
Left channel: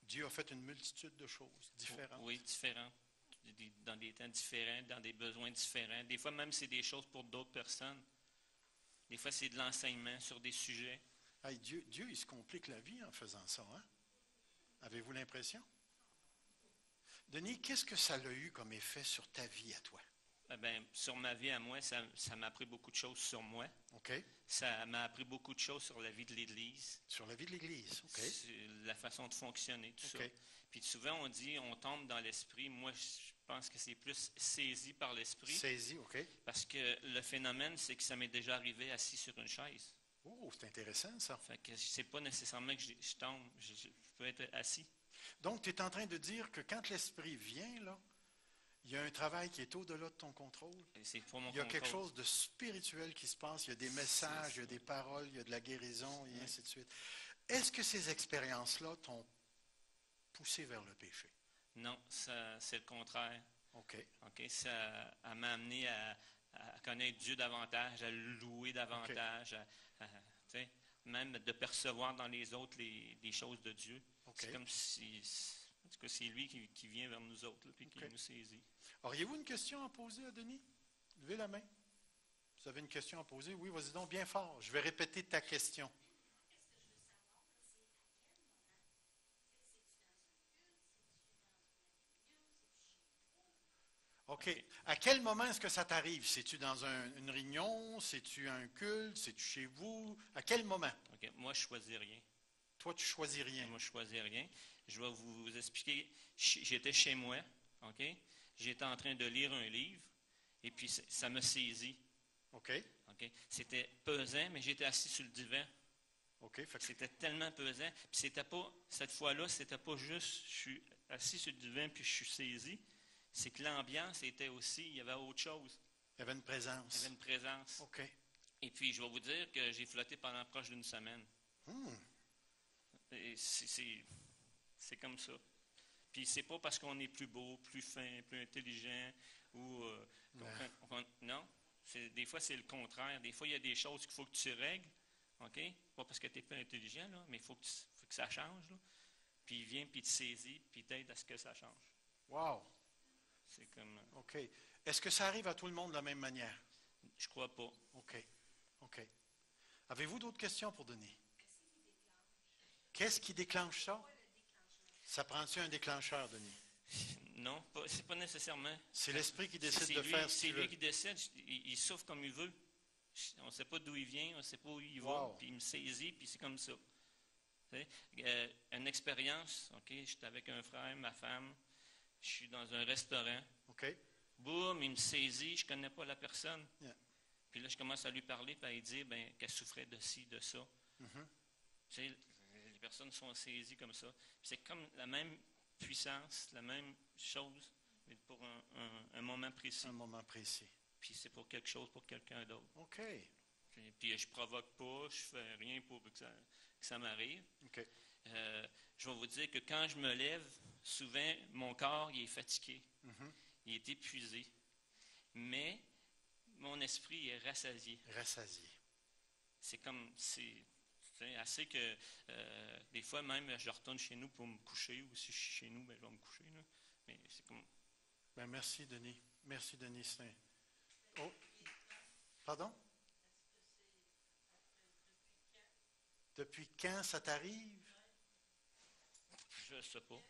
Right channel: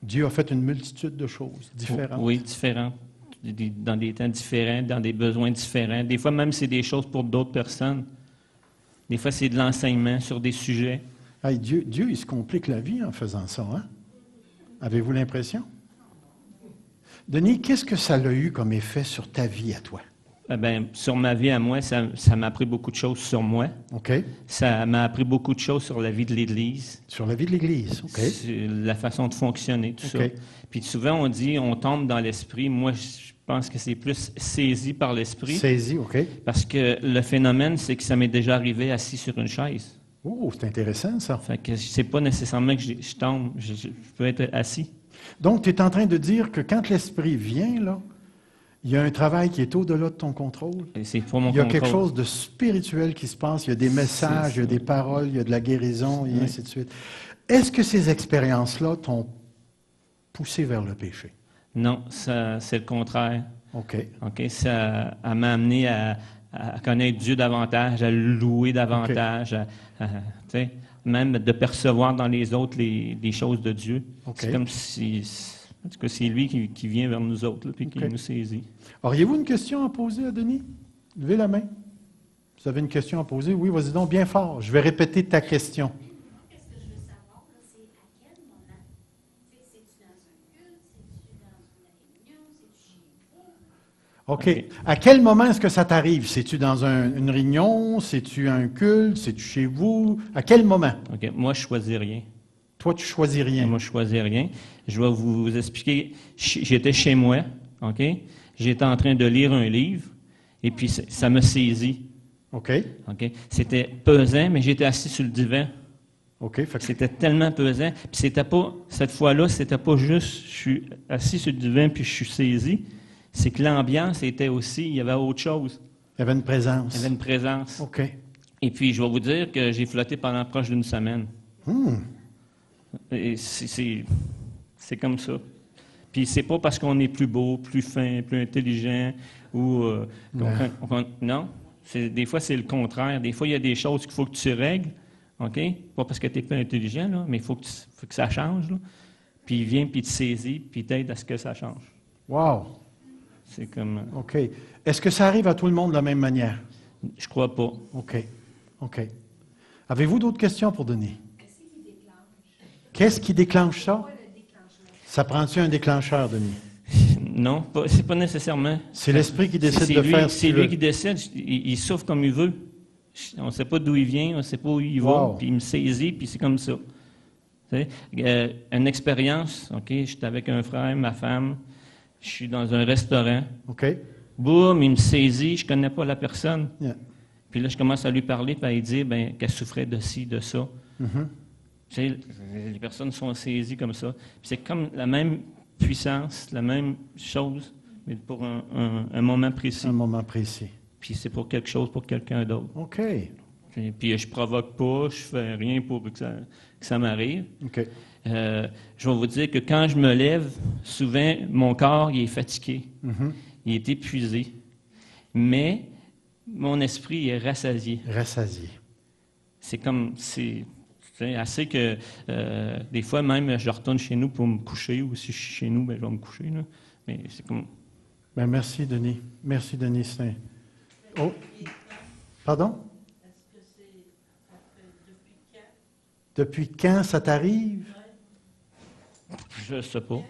Dieu a fait une multitude de choses différentes? Oui, différentes. Dans des temps différents, dans des besoins différents. Des fois, même, c'est des choses pour d'autres personnes. Des fois, c'est de l'enseignement sur des sujets. Hey, Dieu, il se complique la vie en faisant ça, hein? Avez-vous l'impression? Denis, qu'est-ce que ça a eu comme effet sur ta vie à toi? Sur ma vie à moi, ça m'a appris beaucoup de choses sur moi. OK. Ça m'a appris beaucoup de choses sur la vie de l'Église. Sur la vie de l'Église, OK. Sur la façon de fonctionner, tout OK. ça. Puis souvent, on dit, on tombe dans l'esprit. Moi, je pense que c'est plus saisi par l'esprit. Saisi, OK. Parce que le phénomène, c'est que ça m'est déjà arrivé assis sur une chaise. Oh, c'est intéressant, ça. Fait que c'est pas nécessairement que je tombe, je peux être assis. Donc, tu es en train de dire que quand l'Esprit vient, là, il y a un travail qui est au-delà de ton contrôle. Et c'est pour mon Il y a contrôle. quelque chose de spirituel qui se passe. Il y a des messages, il y a des paroles, il y a de la guérison, et Oui. ainsi de suite. Est-ce que ces expériences-là t'ont poussé vers le péché? Non, c'est le contraire. OK. OK? Ça m'a amené à connaître Dieu davantage, à le louer davantage, tu sais, même de percevoir dans les autres les choses de Dieu. OK. C'est comme si, en tout cas, c'est lui qui vient vers nous autres, puis qui OK. nous saisit. Auriez-vous une question à poser à Denis? Levez la main. Vous avez une question à poser? Oui, vas-y donc bien fort. Je vais répéter ta question. Qu'est-ce que je veux savoir, là, c'est à quel moment? C'est-tu dans un culte? C'est-tu dans une réunion? C'est-tu chez vous? OK. OK. À quel moment est-ce que ça t'arrive? C'est-tu dans une réunion? C'est-tu un culte? C'est-tu chez vous? À quel moment? OK? Moi, je ne choisis rien. Toi, tu choisis rien. Moi, je ne choisis rien. Je vais vous expliquer. J'étais chez moi, OK? J'étais en train de lire un livre, et puis ça me saisit. OK. OK? C'était pesant, mais j'étais assis sur le divan. OK. Fait que C'était tellement pesant. Puis c'était pas, cette fois-là, c'était pas juste je suis assis sur le divan puis je suis saisi. C'est que l'ambiance était aussi, il y avait autre chose. il y avait une présence. Il y avait une présence. OK. Et puis, je vais vous dire que j'ai flotté pendant proche d'une semaine. Hmm. Et c'est comme ça. Puis c'est pas parce qu'on est plus beau, plus fin, plus intelligent ou non. Des fois, c'est le contraire. Des fois, il y a des choses qu'il faut que tu règles. OK? Pas parce que tu es plus intelligent, là, mais il faut que ça change. Là. Puis il vient, puis il te saisit, puis il t'aide à ce que ça change. Wow. C'est comme... OK. Est-ce que ça arrive à tout le monde de la même manière? Je crois pas. OK. OK. Avez-vous d'autres questions pour Denis? Qu'est-ce qui déclenche ça? Ça prend-tu un déclencheur, Denis? Non, c'est pas nécessairement. C'est l'Esprit qui décide C'est de lui, faire ce c'est qu'il lui veut. qui décide. Il souffre comme il veut. On ne sait pas d'où il vient, on ne sait pas où il va, Wow. puis il me saisit, puis c'est comme ça. Tu sais, une expérience, OK, j'étais avec un frère, ma femme, Je suis dans un restaurant. OK? Boum, il me saisit, je ne connais pas la personne. Yeah. Puis là, je commence à lui parler, puis à lui dire qu'elle souffrait de ci, de ça. Mhm. Tu sais, les personnes sont saisies comme ça. Puis c'est comme la même puissance, la même chose, mais pour un moment précis. Un moment précis. Puis c'est pour quelque chose, pour quelqu'un d'autre. OK. Puis je provoque pas, je fais rien pour que ça m'arrive. OK. Je vais vous dire que quand je me lève, souvent, mon corps il est fatigué, Mhm. il est épuisé, mais mon esprit est rassasié. Rassasié. C'est assez que des fois même, je retourne chez nous pour me coucher, ou si je suis chez nous, ben, je vais me coucher. Là. Mais c'est comme... Ben, merci, Denis. Merci, Denis. Oh. Pardon? Depuis quand ça t'arrive? Je ne sais pas.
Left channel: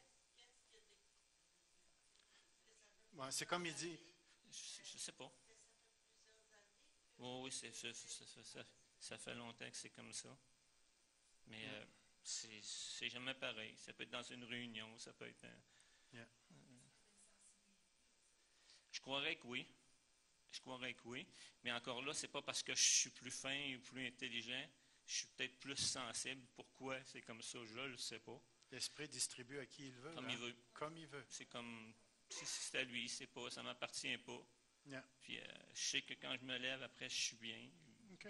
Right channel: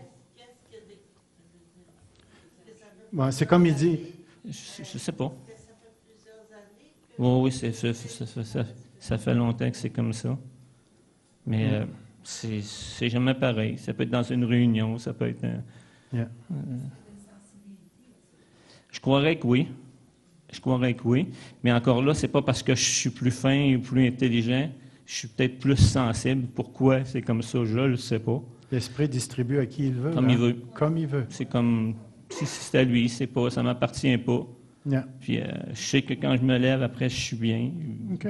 Ouais, c'est comme il dit. Je ne sais pas. Oui, ça fait longtemps que c'est comme ça. Mais c'est jamais pareil. Ça peut être dans une réunion, ça peut être... Yeah. Je croirais que oui. Je croirais que oui. Mais encore là, c'est pas parce que je suis plus fin ou plus intelligent. Je suis peut-être plus sensible. Pourquoi c'est comme ça? Je ne le sais pas. L'Esprit distribue à qui il veut. Comme il veut. Comme il veut. C'est comme... Si c'est à lui, c'est pas, ça ne m'appartient pas. Yeah. Puis je sais que quand je me lève, après, je suis bien. OK.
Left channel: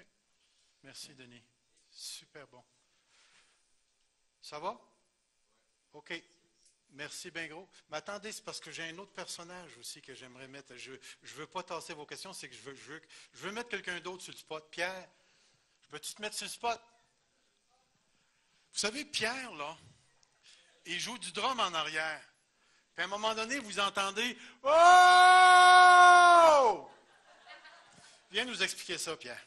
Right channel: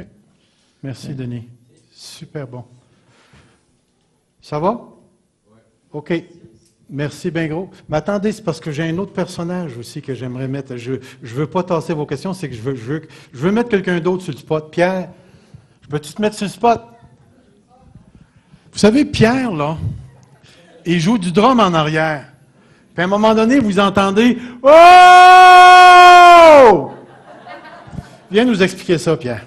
Merci, Denis. Super bon. Ça va? OK. Merci bien gros. Mais attendez, c'est parce que j'ai un autre personnage aussi que j'aimerais mettre. Je ne veux pas tasser vos questions, c'est que je veux mettre quelqu'un d'autre sur le spot. Pierre, peux-tu te mettre sur le spot? Vous savez, Pierre, là, il joue du drum en arrière. Puis à un moment donné, vous entendez « Oh! » Viens nous expliquer ça, Pierre.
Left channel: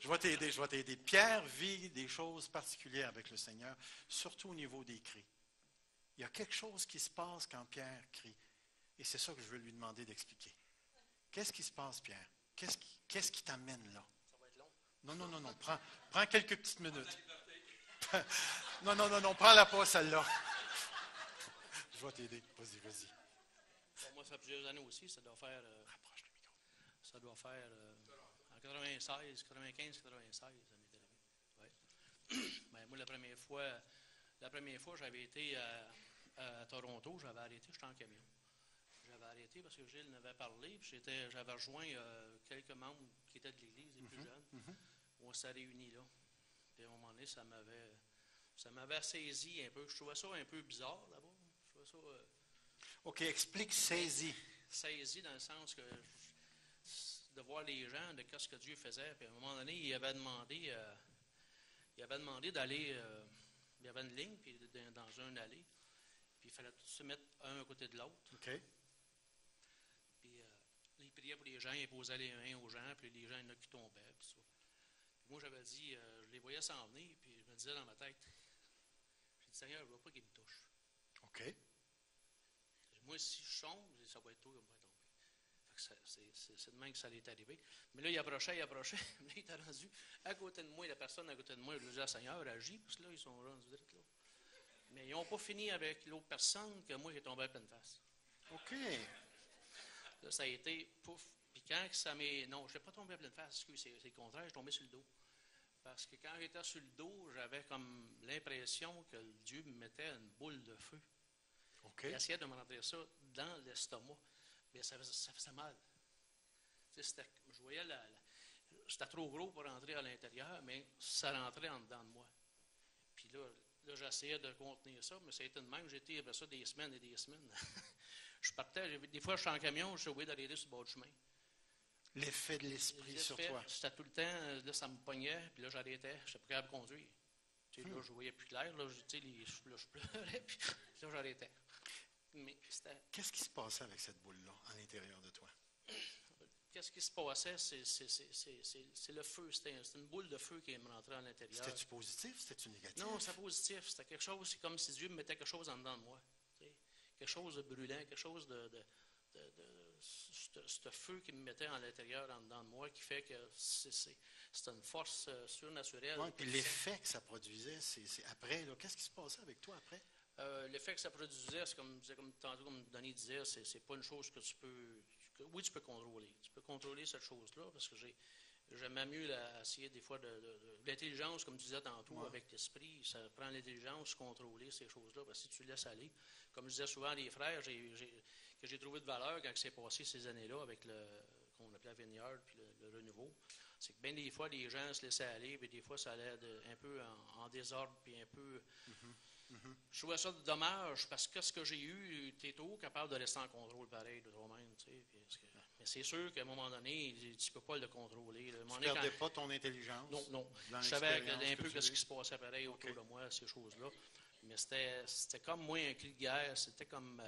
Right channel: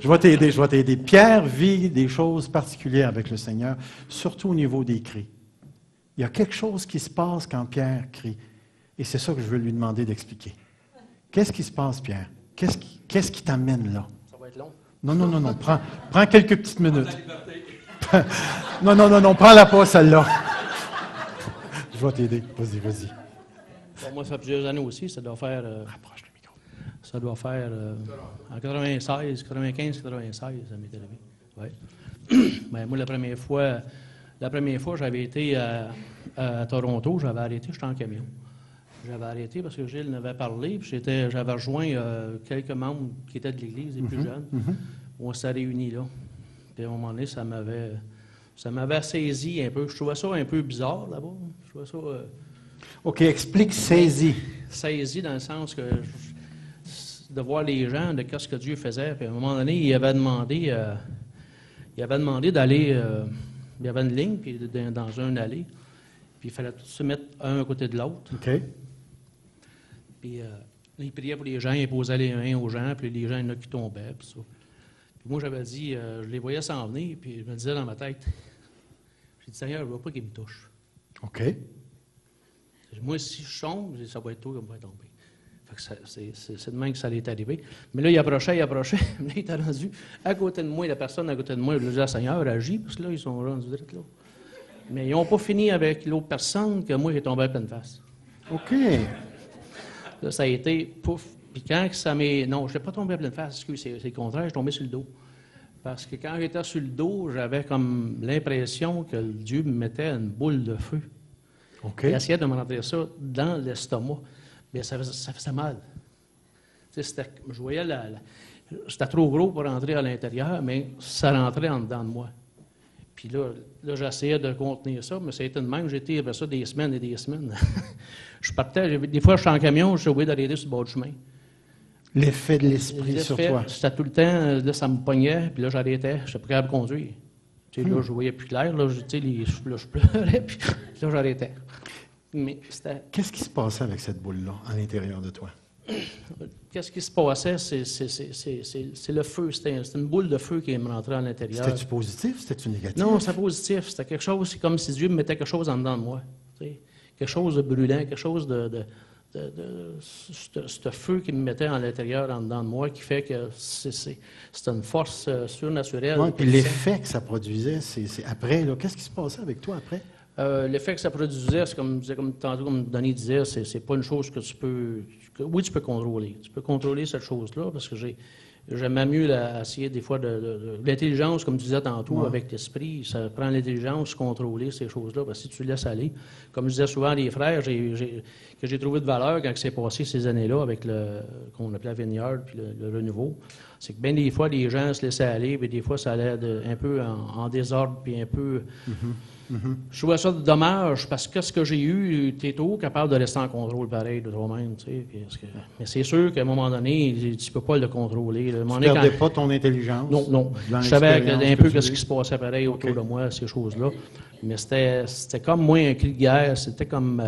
Je vais t'aider. Pierre vit des choses particulières avec le Seigneur, surtout au niveau des cris. Il y a quelque chose qui se passe quand Pierre crie. Et c'est ça que je veux lui demander d'expliquer. Qu'est-ce qui se passe, Pierre? Qu'est-ce qui t'amène là? Ça va être long. Non. Prends quelques petites minutes. Non. Prends-la pas, celle-là. Je vais t'aider. Vas-y. Bon, moi, ça fait plusieurs années aussi. Ça doit faire... Approche le micro. Ça doit faire en 96, 95, 96, ça m'est arrivé. Ouais. Ben, moi, la première fois, j'avais été à Toronto, j'avais arrêté, j'étais en camion. J'avais arrêté parce que Gilles m'avait parlé, puis j'avais rejoint quelques membres qui étaient de l'Église, les plus jeunes. On s'est réunis là. Puis à un moment donné, ça m'avait saisi un peu. Je trouvais ça un peu bizarre là-bas. Je trouvais ça... OK, explique saisi. Saisi dans le sens que... de voir les gens, de ce que Dieu faisait. Puis à un moment donné, il avait demandé d'aller... il y avait une ligne puis dans un allée. Puis il fallait tous se mettre un à côté de l'autre. OK. Puis il priait pour les gens, il posait les mains aux gens, puis les gens, il y en a qui tombaient. Puis ça. Puis moi, j'avais dit, je les voyais s'en venir, puis je me disais dans ma tête, j'ai dit, Seigneur, je ne veux pas qu'ils me touchent. OK. Moi, si je tombe, ça va être toi qui va tomber. C'est de même que ça allait arriver. Mais là, il approchait. Là, il était rendu à côté de moi, la personne à côté de moi. Je lui disais, Seigneur, agis, parce que là, ils sont rendus direct là. Mais ils n'ont pas fini avec l'autre personne que moi, j'ai tombé à pleine face. OK. Là, ça a été pouf. Puis quand ça m'est... Non, je n'ai pas tombé à pleine face, excuse, c'est le contraire, je suis tombé sur le dos. Parce que quand j'étais sur le dos, j'avais comme l'impression que Dieu me mettait une boule de feu. OK. Il essayait de me rentrer ça dans l'estomac. Mais ça faisait mal. Je voyais c'était trop gros pour rentrer à l'intérieur, mais ça rentrait en dedans de moi. Puis là j'essayais de contenir ça, mais ça a été de même. J'étais avec ça des semaines et des semaines. Je partais, des fois, je suis en camion, je suis obligé d'arrêter sur le bord du chemin. L'effet de l'esprit sur toi. C'était tout le temps, là, ça me pognait, puis là, j'arrêtais. Je n'étais pas capable de conduire. Tu sais, là, je voyais plus clair, là, je pleurais, puis là, j'arrêtais. Mais c'était... Qu'est-ce qui se passait avec cette boule-là à l'intérieur de toi? Qu'est-ce qui se passait? C'est le feu. C'était une boule de feu qui me rentrait à l'intérieur. C'était-tu positif? C'était-tu négatif? Non, c'était positif. C'était quelque chose, c'est comme si Dieu me mettait quelque chose en dedans de moi. Tu sais, quelque chose de brûlant, quelque chose de ce feu qui me mettait à l'intérieur, en dedans de moi, qui fait que c'est une force surnaturelle. Ouais, puis l'effet que ça produisait, c'est après, là, qu'est-ce qui se passait avec toi après? L'effet que ça produisait, c'est comme tantôt, comme Denis disait, c'est pas une chose que tu peux... oui, tu peux contrôler. Tu peux contrôler cette chose-là, parce que j'aime mieux essayer des fois de l'intelligence, comme tu disais tantôt, avec l'esprit. Ça prend l'intelligence, contrôler ces choses-là, parce que si tu laisses aller, comme je disais souvent à les frères, que j'ai trouvé de valeur quand c'est passé ces années-là avec qu'on appelait Vineyard puis le renouveau, c'est que bien des fois, les gens se laissaient aller, puis des fois, ça allait un peu en désordre, puis un peu... Je trouvais ça dommage, parce que ce que j'ai eu, tu es toujours capable de rester en contrôle pareil de toi-même, tu sais. Mais c'est sûr qu'à un moment donné, tu ne peux pas le contrôler. Tu ne perdais pas ton intelligence? Non. Je savais un peu ce qui se passait pareil autour de moi, ces choses-là. Mais c'était comme moi un cri de guerre, c'était comme...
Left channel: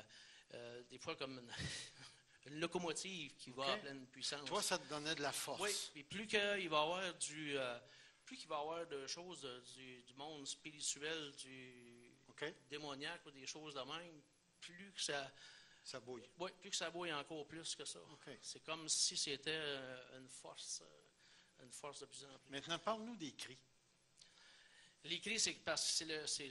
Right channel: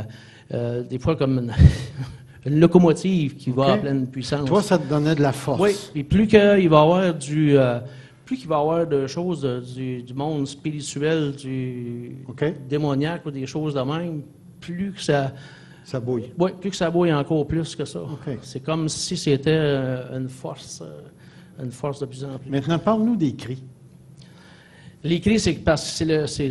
des fois comme une locomotive qui va à pleine puissance. Toi, ça te donnait de la force. Oui, et plus qu'il va y avoir plus qu'il va y avoir de choses du monde spirituel, démoniaque ou des choses de même, plus que ça bouille. Oui, plus que ça bouille encore plus que ça. Okay. C'est comme si c'était une force de plus en plus. Maintenant, parle-nous des cris. Les cris, c'est parce que c'est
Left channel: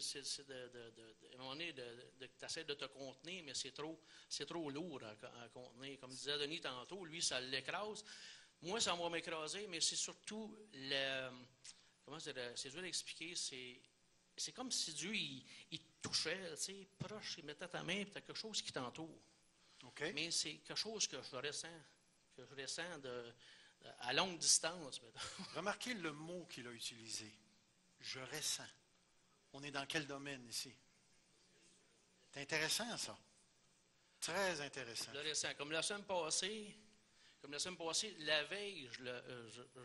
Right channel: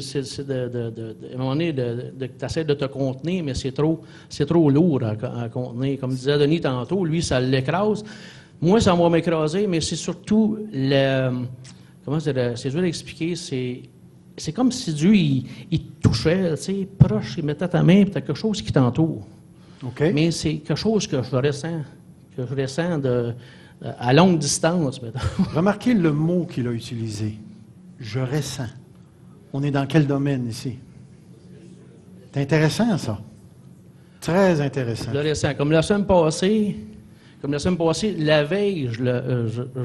à un moment donné, tu essaies de te contenir, mais c'est trop lourd à contenir. Comme disait Denis tantôt, lui, ça l'écrase. Moi, ça va m'écraser, mais c'est surtout comment c'est dur à expliquer, c'est comme si Dieu, il te touchait, tu sais, proche, il mettait ta main, puis tu as quelque chose qui t'entoure. Okay. Mais c'est quelque chose que je ressens à longue distance. Remarquez le mot qu'il a utilisé. Je ressens. On est dans quel domaine ici? C'est intéressant, ça. Très intéressant. Je le ressens. Comme la semaine passée, la veille,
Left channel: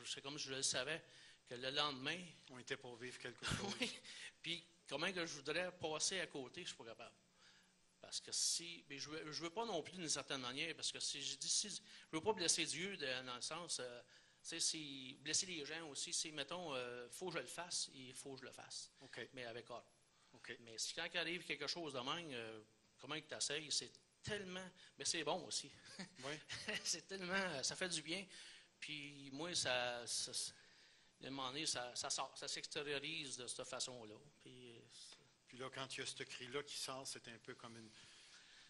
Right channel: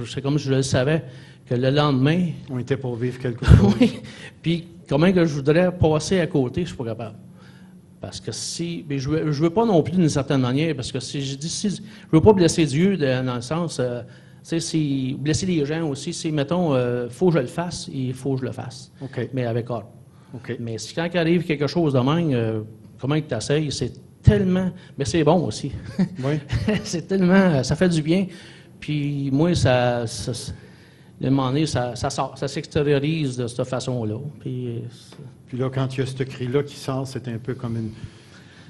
c'est comme je le savais, que le lendemain... On était pour vivre quelque chose. Oui. Puis, comment que je voudrais passer à côté, je ne suis pas capable. Parce que si... Mais je veux pas non plus d'une certaine manière, parce que si je veux pas blesser Dieu dans le sens... si blesser les gens aussi, c'est, mettons, faut que je le fasse, il faut que je le fasse. Okay. Mais avec ordre. Okay. Mais si quand il arrive quelque chose de même, comment tu t'essayes, c'est tellement... Mais c'est bon aussi. Oui. C'est tellement... Ça fait du bien. Puis moi, à un moment donné, ça sort, ça s'extériorise de cette façon-là. Puis là, quand il y a ce cri-là qui sort, c'est un peu comme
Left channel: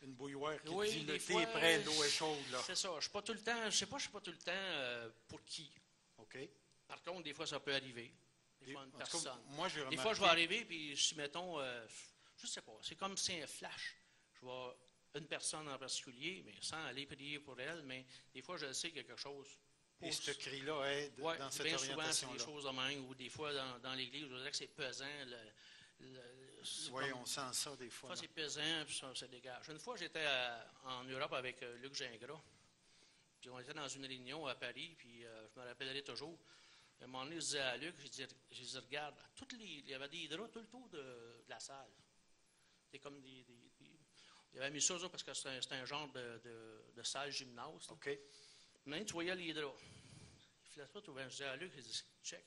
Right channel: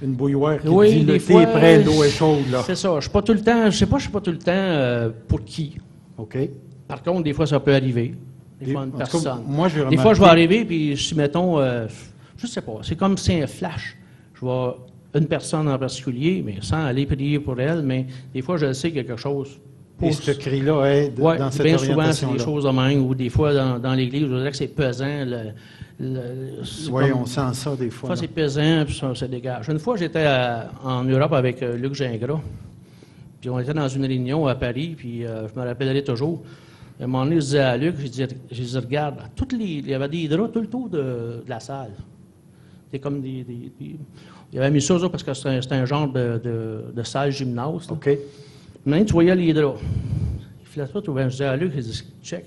une bouilloire qui oui, dit des le thé fois, est prêt, l'eau est chaude. Là. C'est ça. Je ne sais pas tout le temps pour qui. OK. Par contre, des fois, ça peut arriver. Des fois, une personne. Cas, moi, des fois, je vais arriver, puis si, mettons, je ne sais pas, c'est comme si un flash. Je vois une personne en particulier, mais sans aller prier pour elle, mais des fois, je sais quelque chose. Et ce cri-là aide dans cette bien orientation-là. souvent, c'est des choses de même, ou des fois, dans l'Église, je dirais que c'est pesant. Oui, on sent ça des fois. Des fois, c'est pesant, puis ça se dégage. Une fois, j'étais en Europe avec Luc Gingras, puis on était dans une réunion à Paris, puis je me rappellerai toujours. À un moment donné, je disais à Luc, je disais regarde, il y avait des draps tout le tour de la salle. C'était comme il avait mis ça parce que c'était un genre de salle gymnase. OK. Maintenant, tu voyais les draps. Il filait ça, je disais à Luc, il dit check.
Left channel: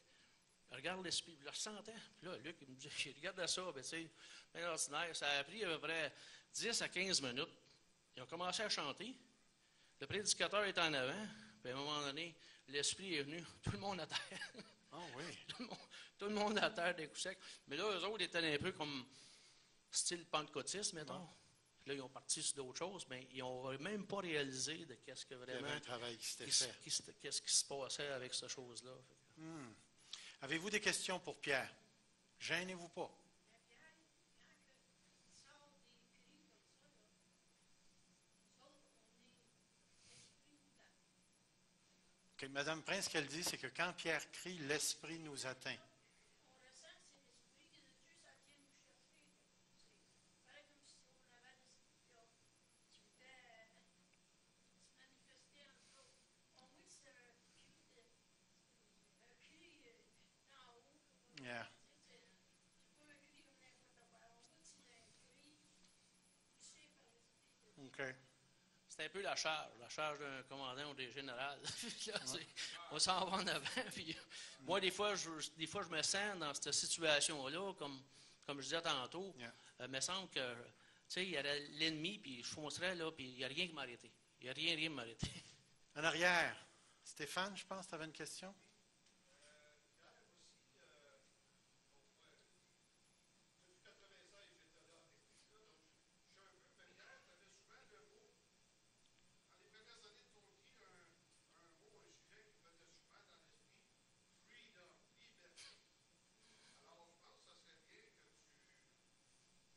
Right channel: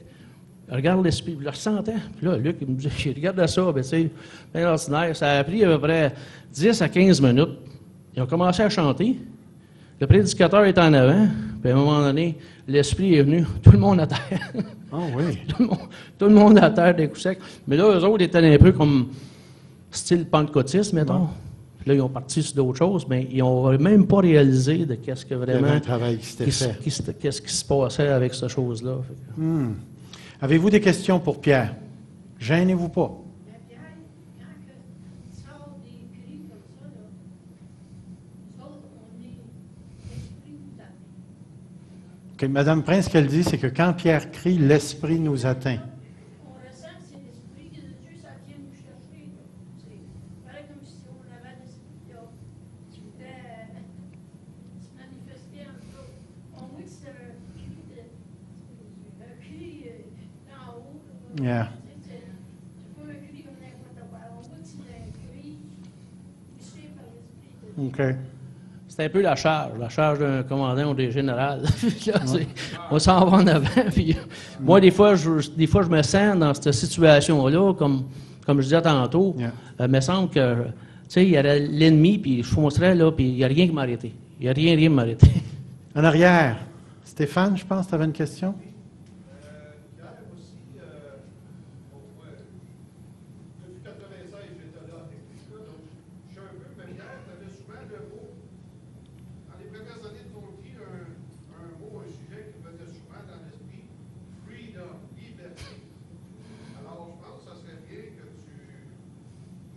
Regarde l'esprit, je le ressentais. Puis là, Luc, il me dit, regarde ça, ben, tu sais, bien ordinaire. Ça a pris à peu près 10 à 15 minutes. Ils ont commencé à chanter. Le prédicateur est en avant. Puis à un moment donné, l'esprit est venu. Tout le monde à terre. Ah oui. Tout le monde à terre des coups secs. Mais là, eux autres étaient un peu comme style pentecôtiste, mettons. Ouais. Puis là, ils ont parti sur d'autres choses, mais ils n'ont même pas réalisé de qu'est-ce que vraiment... Il y avait un travail qui s'était fait. Qu'est-ce qui se passait avec cette chose-là. Avez-vous des questions pour Pierre? Gênez-vous pas. Mais Pierre, quand tu sors des cris comme ça, là, nous autres, on est l'esprit nous atteint. Okay, Madame Prince, ce qu'elle dit, c'est que quand Pierre crie, l'esprit nous atteint. On ressent que c'est l'esprit de Dieu, ça vient nous chercher. C'est pareil comme si on avait l'esprit là, qui venait se manifester en nous. On voit que c'est un cri d'en haut. Yeah. C'est pas un cri comme n'importe quoi. On voit que c'est un cri poussé par l'esprit de Dieu. OK. C'est un peu la charge d'un commandant ou d'un général. Là, on s'en va en avant. Puis, moi, des fois, je me sens dans cette situation-là, comme je disais tantôt. Il me semble que, tu sais, il y aurait l'ennemi, puis je foncerais, là, puis il n'y a rien qui m'arrêtait. Il n'y a rien qui m'arrêter. En arrière, Stéphane, je pense, tu avais une question? Hier aussi, depuis 96, j'étais là avec lui, donc je suis un peu familière. Tu avais souvent le mot, dans les premières années de ton vie, un mot, un sujet qui venait souvent dans l'esprit, freedom, liberté. Alors, je pense que ça serait bien que je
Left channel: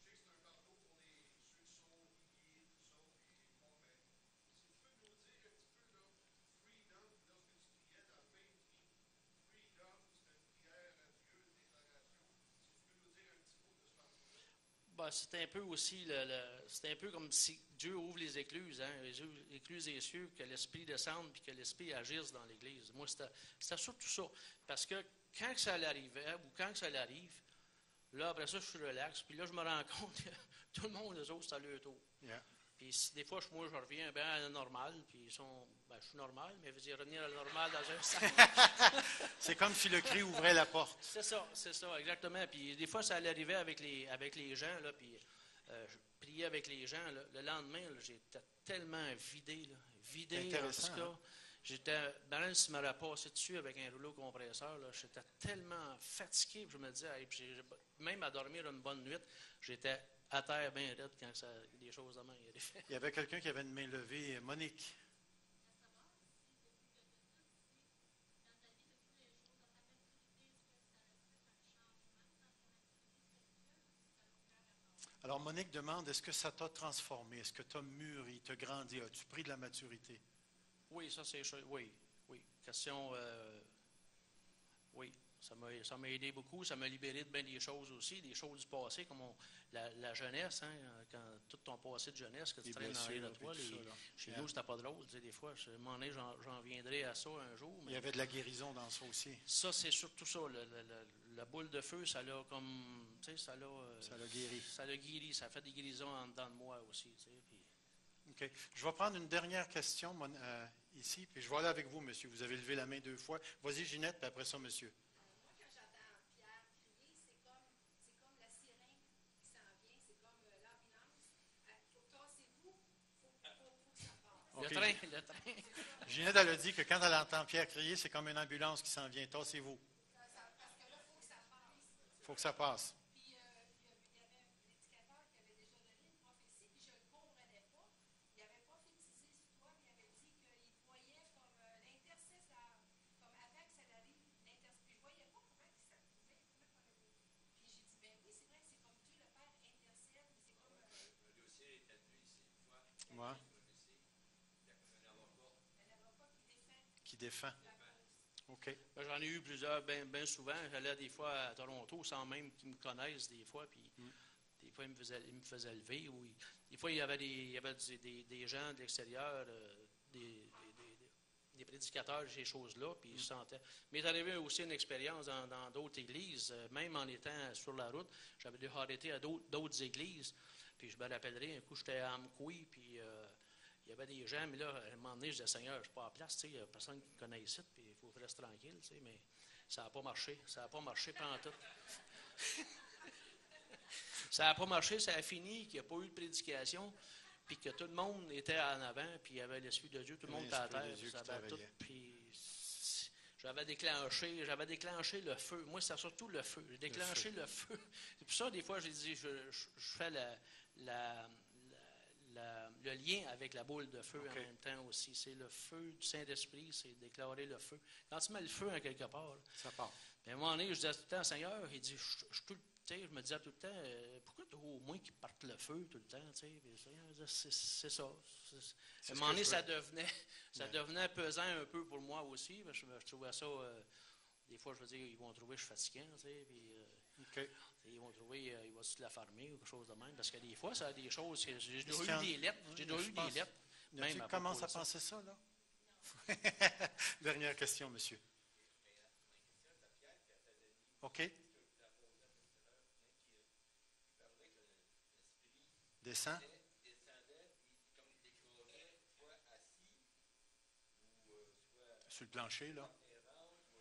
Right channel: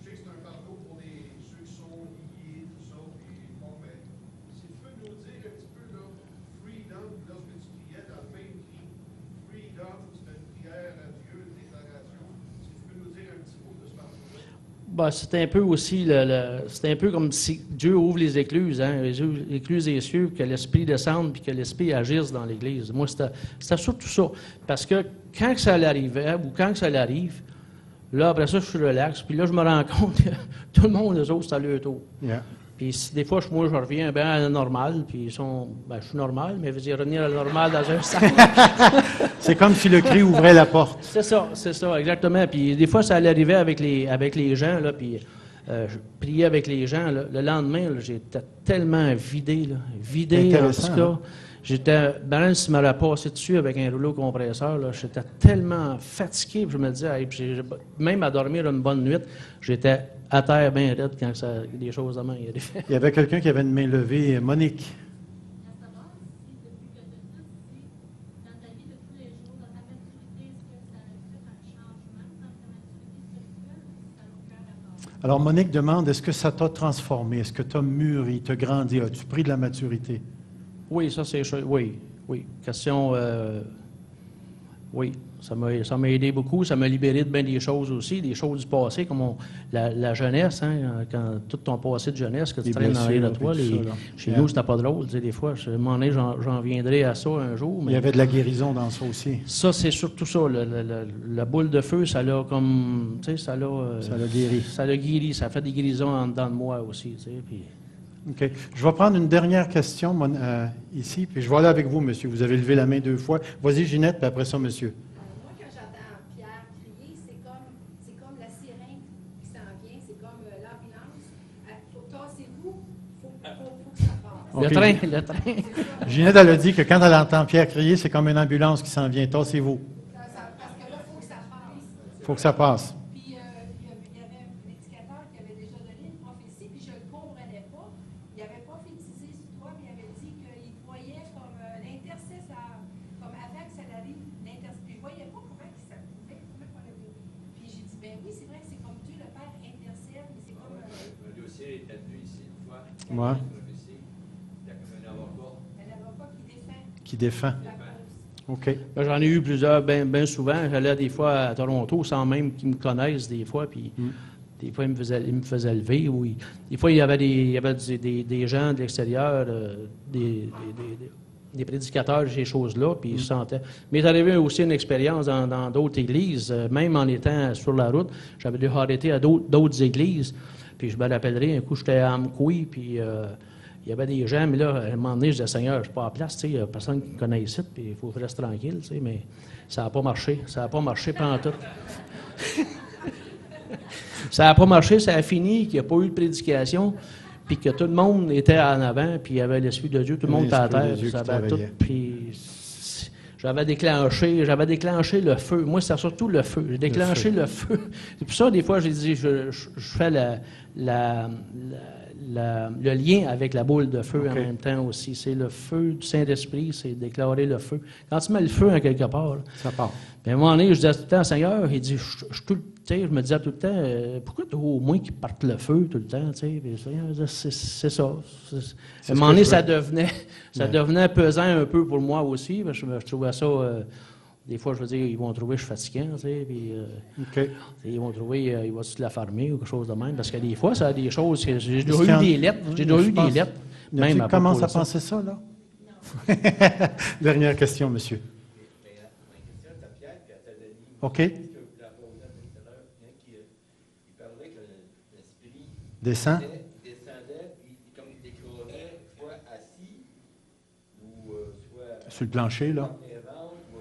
sais que c'est un fardeau pour ceux qui sont liés, tout ça, puis bon, mais si tu peux nous dire un petit peu, là, freedom, lorsque tu priais dans le même cri, freedom, c'était une prière à Dieu, une déclaration. Si tu peux nous dire un petit mot de ce fardeau-là. Ben, c'est un peu aussi, c'est un peu comme si Dieu ouvre les écluses, hein, les écluses des cieux, que l'Esprit descende puis que l'Esprit agisse dans l'Église. Moi, c'était surtout ça. Parce que quand que ça arrivait ou quand que ça arrive, là, après ça, je suis relax. Puis là, je me rends compte que tout le monde, eux autres, c'est à leur tour. Yeah. Puis des fois, moi, je reviens bien à la normale, puis je suis normal, mais je veux dire, revenir à la normale dans un sens. C'est comme si le cri ouvrait la porte. C'est ça, exactement. Puis des fois, ça allait arriver avec les gens, là, puis je priais avec les gens. Là. Le lendemain, là, j'étais tellement vidé, là, vidé en Intéressant, tout cas. hein? J'étais, ben, s'il m'aurait passé dessus avec un rouleau compresseur, là, j'étais tellement fatigué, puis je me disais, hey, puis même à dormir une bonne nuit, j'étais à terre bien raide quand des choses de main arrivaient. Il y avait quelqu'un qui avait une main levée, Monique. À savoir si depuis que tu es ici, dans ta vie de tous les jours, dans ta maturité, est-ce que ça a fait un changement dans ta maturité spirituelle ou si ça n'a aucun rapport? Alors, Monique demande, est-ce que ça t'a transformé? Est-ce que tu as mûri, tu as grandi? As-tu pris de la maturité? Oui, ça c'est sûr. Oui. Question, oui, ça m'a aidé beaucoup. Ça m'a libéré de bien des choses aussi, des choses du passé, comme la jeunesse, hein, quand tout ton passé de jeunesse que tu Les traînes dans les de blessures, toi. puis tout ça, là. Chez Yeah. nous, c'était pas drôle. Tu sais, des fois, à un moment donné, j'en viendrai à ça un jour. Il Mais y avait de la guérison dans ça aussi. ça, c'est surtout ça. La boule de feu, ça l'a comme. Tu sais, ça l'a. Ça l'a guéri. Ça l'a guéri. Ça fait des guérisons en dedans de moi aussi. Tu sais, puis... OK. Je vais prendre une dernière question ici, puis je vais aller avec vous, monsieur. Vous avez levé la main 2 fois. Vas-y, Ginette, puis après ça, monsieur. Moi, quand j'entends Pierre crier, c'est comme la sirène qui s'en vient, c'est comme l'ambulance. Tassez-vous, faut que ça passe. OK. Le train. Ginette, elle a dit que quand elle entend Pierre crier, c'est comme une ambulance qui s'en vient. Tassez-vous. Parce que là, il faut que ça passe. Il faut que ça passe. Puis, il y avait un prédicateur qui avait déjà donné une prophétie, puis je ne le comprenais pas. Il avait prophétisé sur toi, puis il avait dit qu'il voyait comme l'intercesseur, comme avant que ça arrive, l'intercesseur. Puis je ne voyais pas comment ça pouvait, comment on avait. Puis j'ai dit, ben oui, c'est vrai que c'est comme Dieu le Père intercède, mais c'est comme. Le dossier était venu ici une fois. Ouais. Il y a comme un avocat. Un avocat qui défend Qui défend. la cause. OK. Ben, j'en ai eu plusieurs, bien souvent. J'allais des fois à Toronto sans même qu'ils me connaissent des fois, puis des fois ils me faisaient lever. Des fois, il y avait des gens de l'extérieur, des prédicateurs, ces choses-là, puis ils se sentaient. Mais il est arrivé aussi une expérience dans d'autres églises, même en étant sur la route. J'avais dû arrêter à d'autres églises, puis je me rappellerai, un coup, j'étais à Amkoui, puis il y avait des gens, mais là, à un moment donné, je disais, Seigneur, je ne suis pas à place, tu sais, il n'y a personne qui me connaît ici, puis il faut rester tranquille, tu sais, mais ça n'a pas marché. Ça n'a pas marché pendant tout. Ça n'a pas marché, ça a fini, qu'il n'y a pas eu de prédication, puis que tout le monde était en avant, puis il y avait l'Esprit de Dieu, tout le monde était à L'Esprit de terre, Dieu puis ça qui avait tout, travaillait. puis j'avais déclenché le feu. Moi, c'est surtout le feu. J'ai déclenché le feu. C'est pour ça, des fois, j'ai dit, je fais le lien avec la boule de feu en OK. même temps aussi. C'est le feu du Saint-Esprit, c'est déclarer le feu. Quand tu mets le feu en quelque part, là, Ça part. puis à un moment donné, je disais tout le temps, Seigneur, il dit, je me disais tout le temps, pourquoi tu au moins qu'il parte le feu tout le temps, tu sais? Puis, Seigneur, c'est ça. À C'est un ce moment que donné, je veux. ça devenait pesant un peu pour moi aussi, parce que je trouvais ça, des fois, je veux dire, ils vont trouver que je suis fatiguant, tu sais, puis OK. ils vont trouver, il va se la farmer ou quelque chose de même, parce que des fois, ça a des choses, que j'ai déjà Est-ce qu'il y eu en- des lettres, j'ai déjà Je eu des pense- lettres, Y a-t-il même qui commence propos à de ça. penser ça, là? Dernière question, monsieur. Mais ma question est à Pierre et à Tadani. OK. Que vous la posez tout à l'heure, il parlait que l'esprit Descend. descendait, puis comme il déclarait, soit assis, ou soit Sur le plancher, là. dans les ventres, ou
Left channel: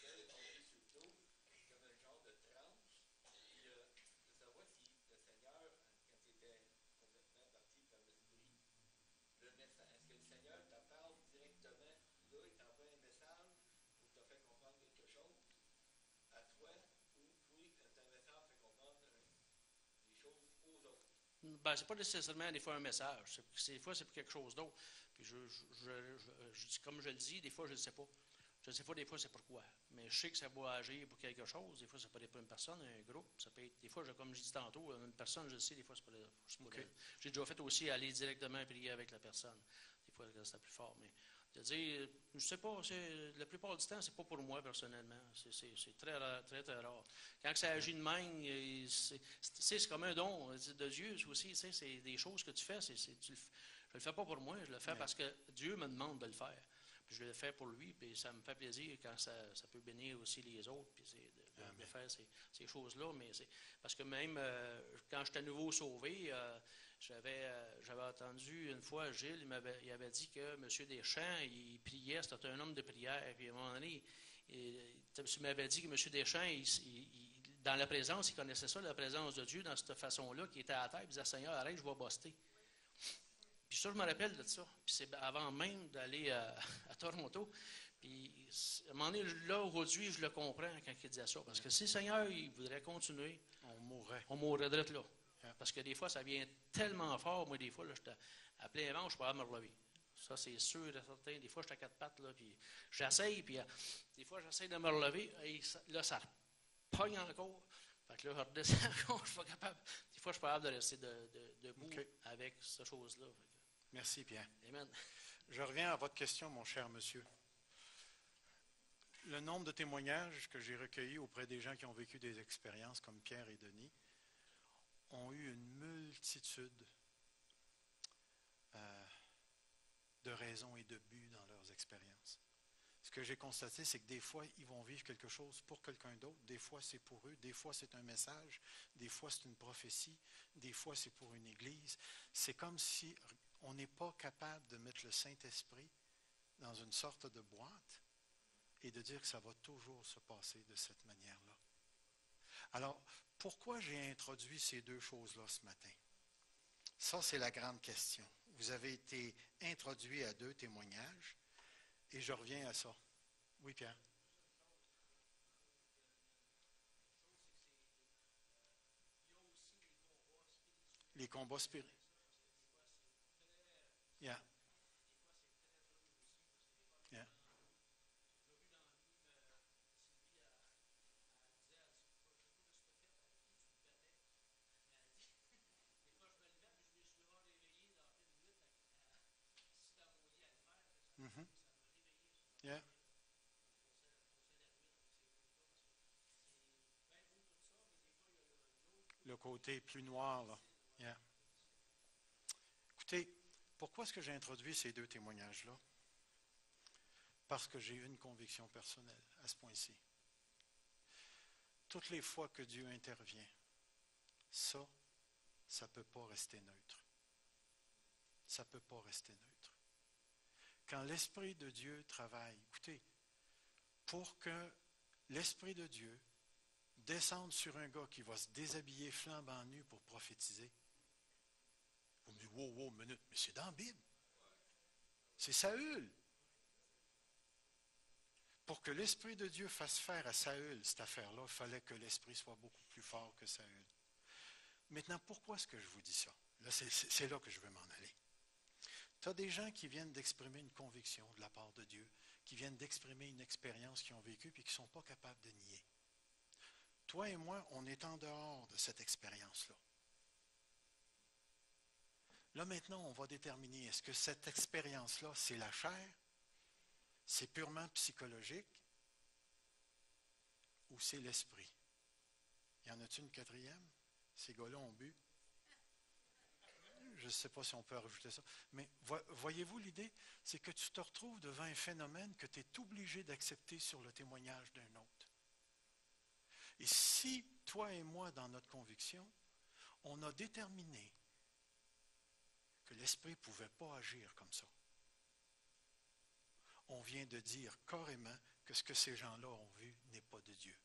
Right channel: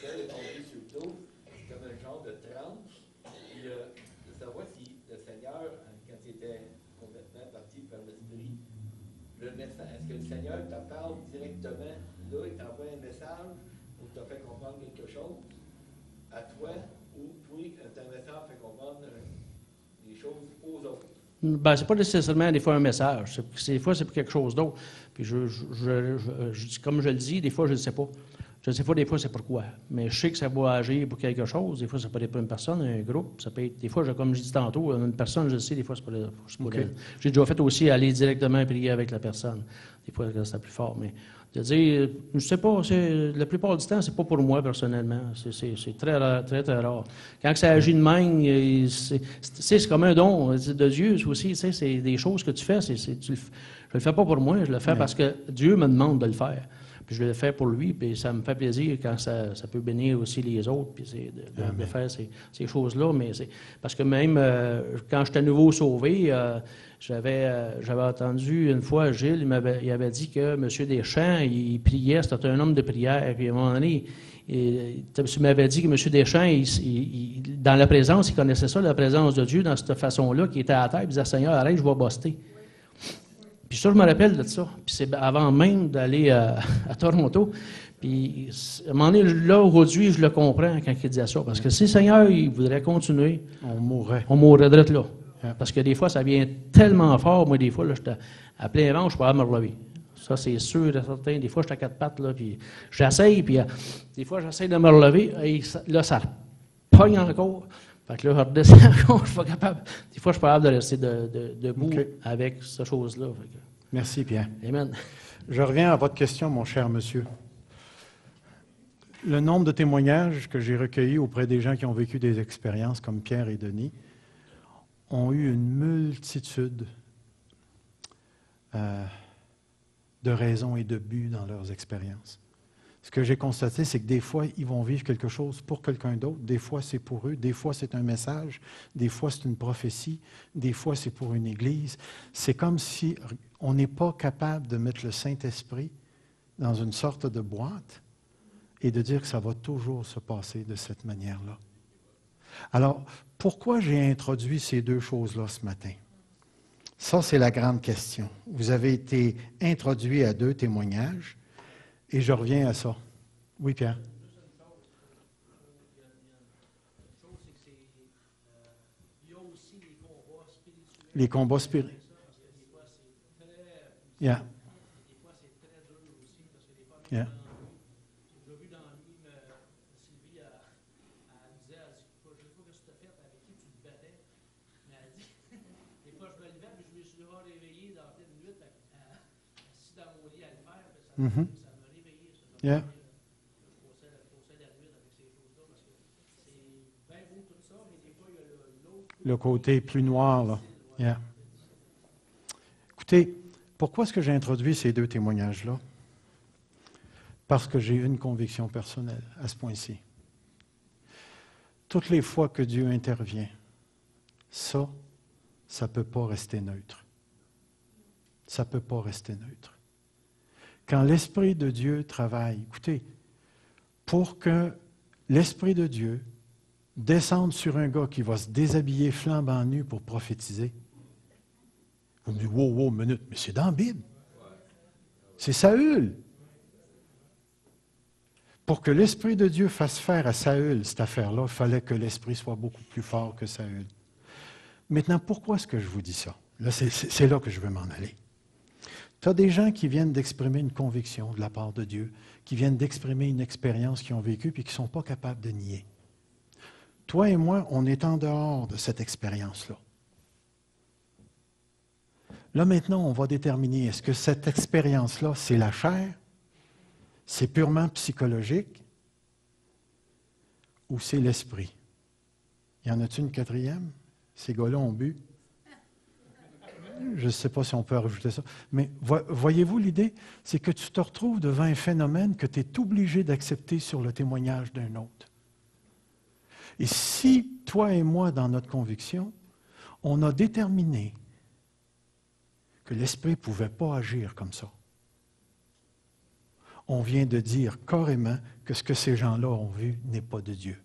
seul, tombé sur le dos, comme un genre de transe. Puis de savoir si le Seigneur, quand il était complètement parti par l'esprit, le message, est-ce Ben, c'est pas nécessairement des fois un message. Des fois, c'est pour quelque chose d'autre. Puis comme je le dis, des fois, je ne sais pas. Je ne sais pas des fois c'est pourquoi. Mais je sais que ça va agir pour quelque chose. Des fois, ça peut être pour une personne, un groupe. Ça peut être, des fois, comme je dis tantôt, une personne, je le sais, des fois, c'est pour elle. J'ai déjà fait aussi aller directement prier avec la personne. Des fois, c'est plus fort. Mais de dire, je ne sais pas, la plupart du temps, c'est pas pour moi personnellement. C'est très rare, très, très rare. Quand ça agit de même, c'est comme un don de Dieu aussi. C'est des choses que tu fais. Je ne le fais pas pour moi, je le fais parce que Dieu me demande de le faire. Puis je le fais pour lui, puis ça me fait plaisir quand ça peut bénir aussi les autres, puis de faire ces choses-là. Mais parce que même quand j'étais à nouveau sauvé, j'avais entendu une fois, Gilles, il avait dit que M. Deschamps, il priait, c'était un homme de prière. Puis à un moment donné, il m'avait dit que M. Deschamps, dans la présence, il connaissait ça, la présence de Dieu, dans cette façon-là, qui était à terre, il disait, Seigneur, arrête, je vais buster. Puis ça, je me rappelle de ça. Puis c'est avant même d'aller à Toronto. Puis à un moment donné, là, aujourd'hui, je le comprends quand il disait ça. Parce que si le Seigneur, il voudrait continuer, on mourrait de là. Parce que des fois, ça vient tellement fort. Moi, des fois, là, j'étais à plein vent, je ne suis pas à me relever. Ça, c'est sûr et certain. Des fois, j'étais à quatre pattes, là, puis j'essaye, puis des fois, j'essaye de me relever, et là, ça pogne encore. Fait que là, je redescends encore, je ne suis pas capable. Des fois, je suis pas capable de rester debout avec cette chose-là. Merci, Pierre. Amen. Je reviens à votre question, mon cher monsieur. Le nombre de témoignages que j'ai recueillis auprès des gens qui ont vécu des expériences comme Pierre et Denis ont eu une multitude de raisons et de buts dans leurs expériences. Ce que j'ai constaté, c'est que des fois, ils vont vivre quelque chose pour quelqu'un d'autre. Des fois, c'est pour eux. Des fois, c'est un message. Des fois, c'est une prophétie. Des fois, c'est pour une église. C'est comme si on n'est pas capable de mettre le Saint-Esprit dans une sorte de boîte et de dire que ça va toujours se passer de cette manière-là. Alors, pourquoi j'ai introduit ces deux choses-là ce matin? Ça, c'est la grande question. Vous avez été introduit à deux témoignages. Et je reviens à ça. Oui, Pierre. Les combats spirituels. Yeah. Yeah. Mm-hmm. Yeah. Le côté plus noir, là. Yeah. Écoutez, pourquoi est-ce que j'ai introduit ces deux témoignages-là? Parce que j'ai une conviction personnelle à ce point-ci. Toutes les fois que Dieu intervient, ça ne peut pas rester neutre. Ça ne peut pas rester neutre. Quand l'Esprit de Dieu travaille, écoutez, pour que l'Esprit de Dieu descende sur un gars qui va se déshabiller flambant nu pour prophétiser, vous me dites, wow, minute, mais c'est dans la Bible. C'est Saül. Pour que l'Esprit de Dieu fasse faire à Saül cette affaire-là, il fallait que l'Esprit soit beaucoup plus fort que Saül. Maintenant, pourquoi est-ce que je vous dis ça? Là, c'est là que je veux m'en aller. Tu as des gens qui viennent d'exprimer une conviction de la part de Dieu, qui viennent d'exprimer une expérience qu'ils ont vécue et qui ne sont pas capables de nier. Toi et moi, on est en dehors de cette expérience-là. Là, maintenant, on va déterminer, est-ce que cette expérience-là, c'est la chair, c'est purement psychologique, ou c'est l'esprit? Y en a-t-il une quatrième? Ces gars-là ont bu. Je ne sais pas si on peut rajouter ça. Mais voyez-vous l'idée? C'est que tu te retrouves devant un phénomène que tu es obligé d'accepter sur le témoignage d'un autre. Et si, toi et moi, dans notre conviction, on a déterminé que l'Esprit ne pouvait pas agir comme ça, on vient de dire carrément que ce que ces gens-là ont vu n'est pas de Dieu.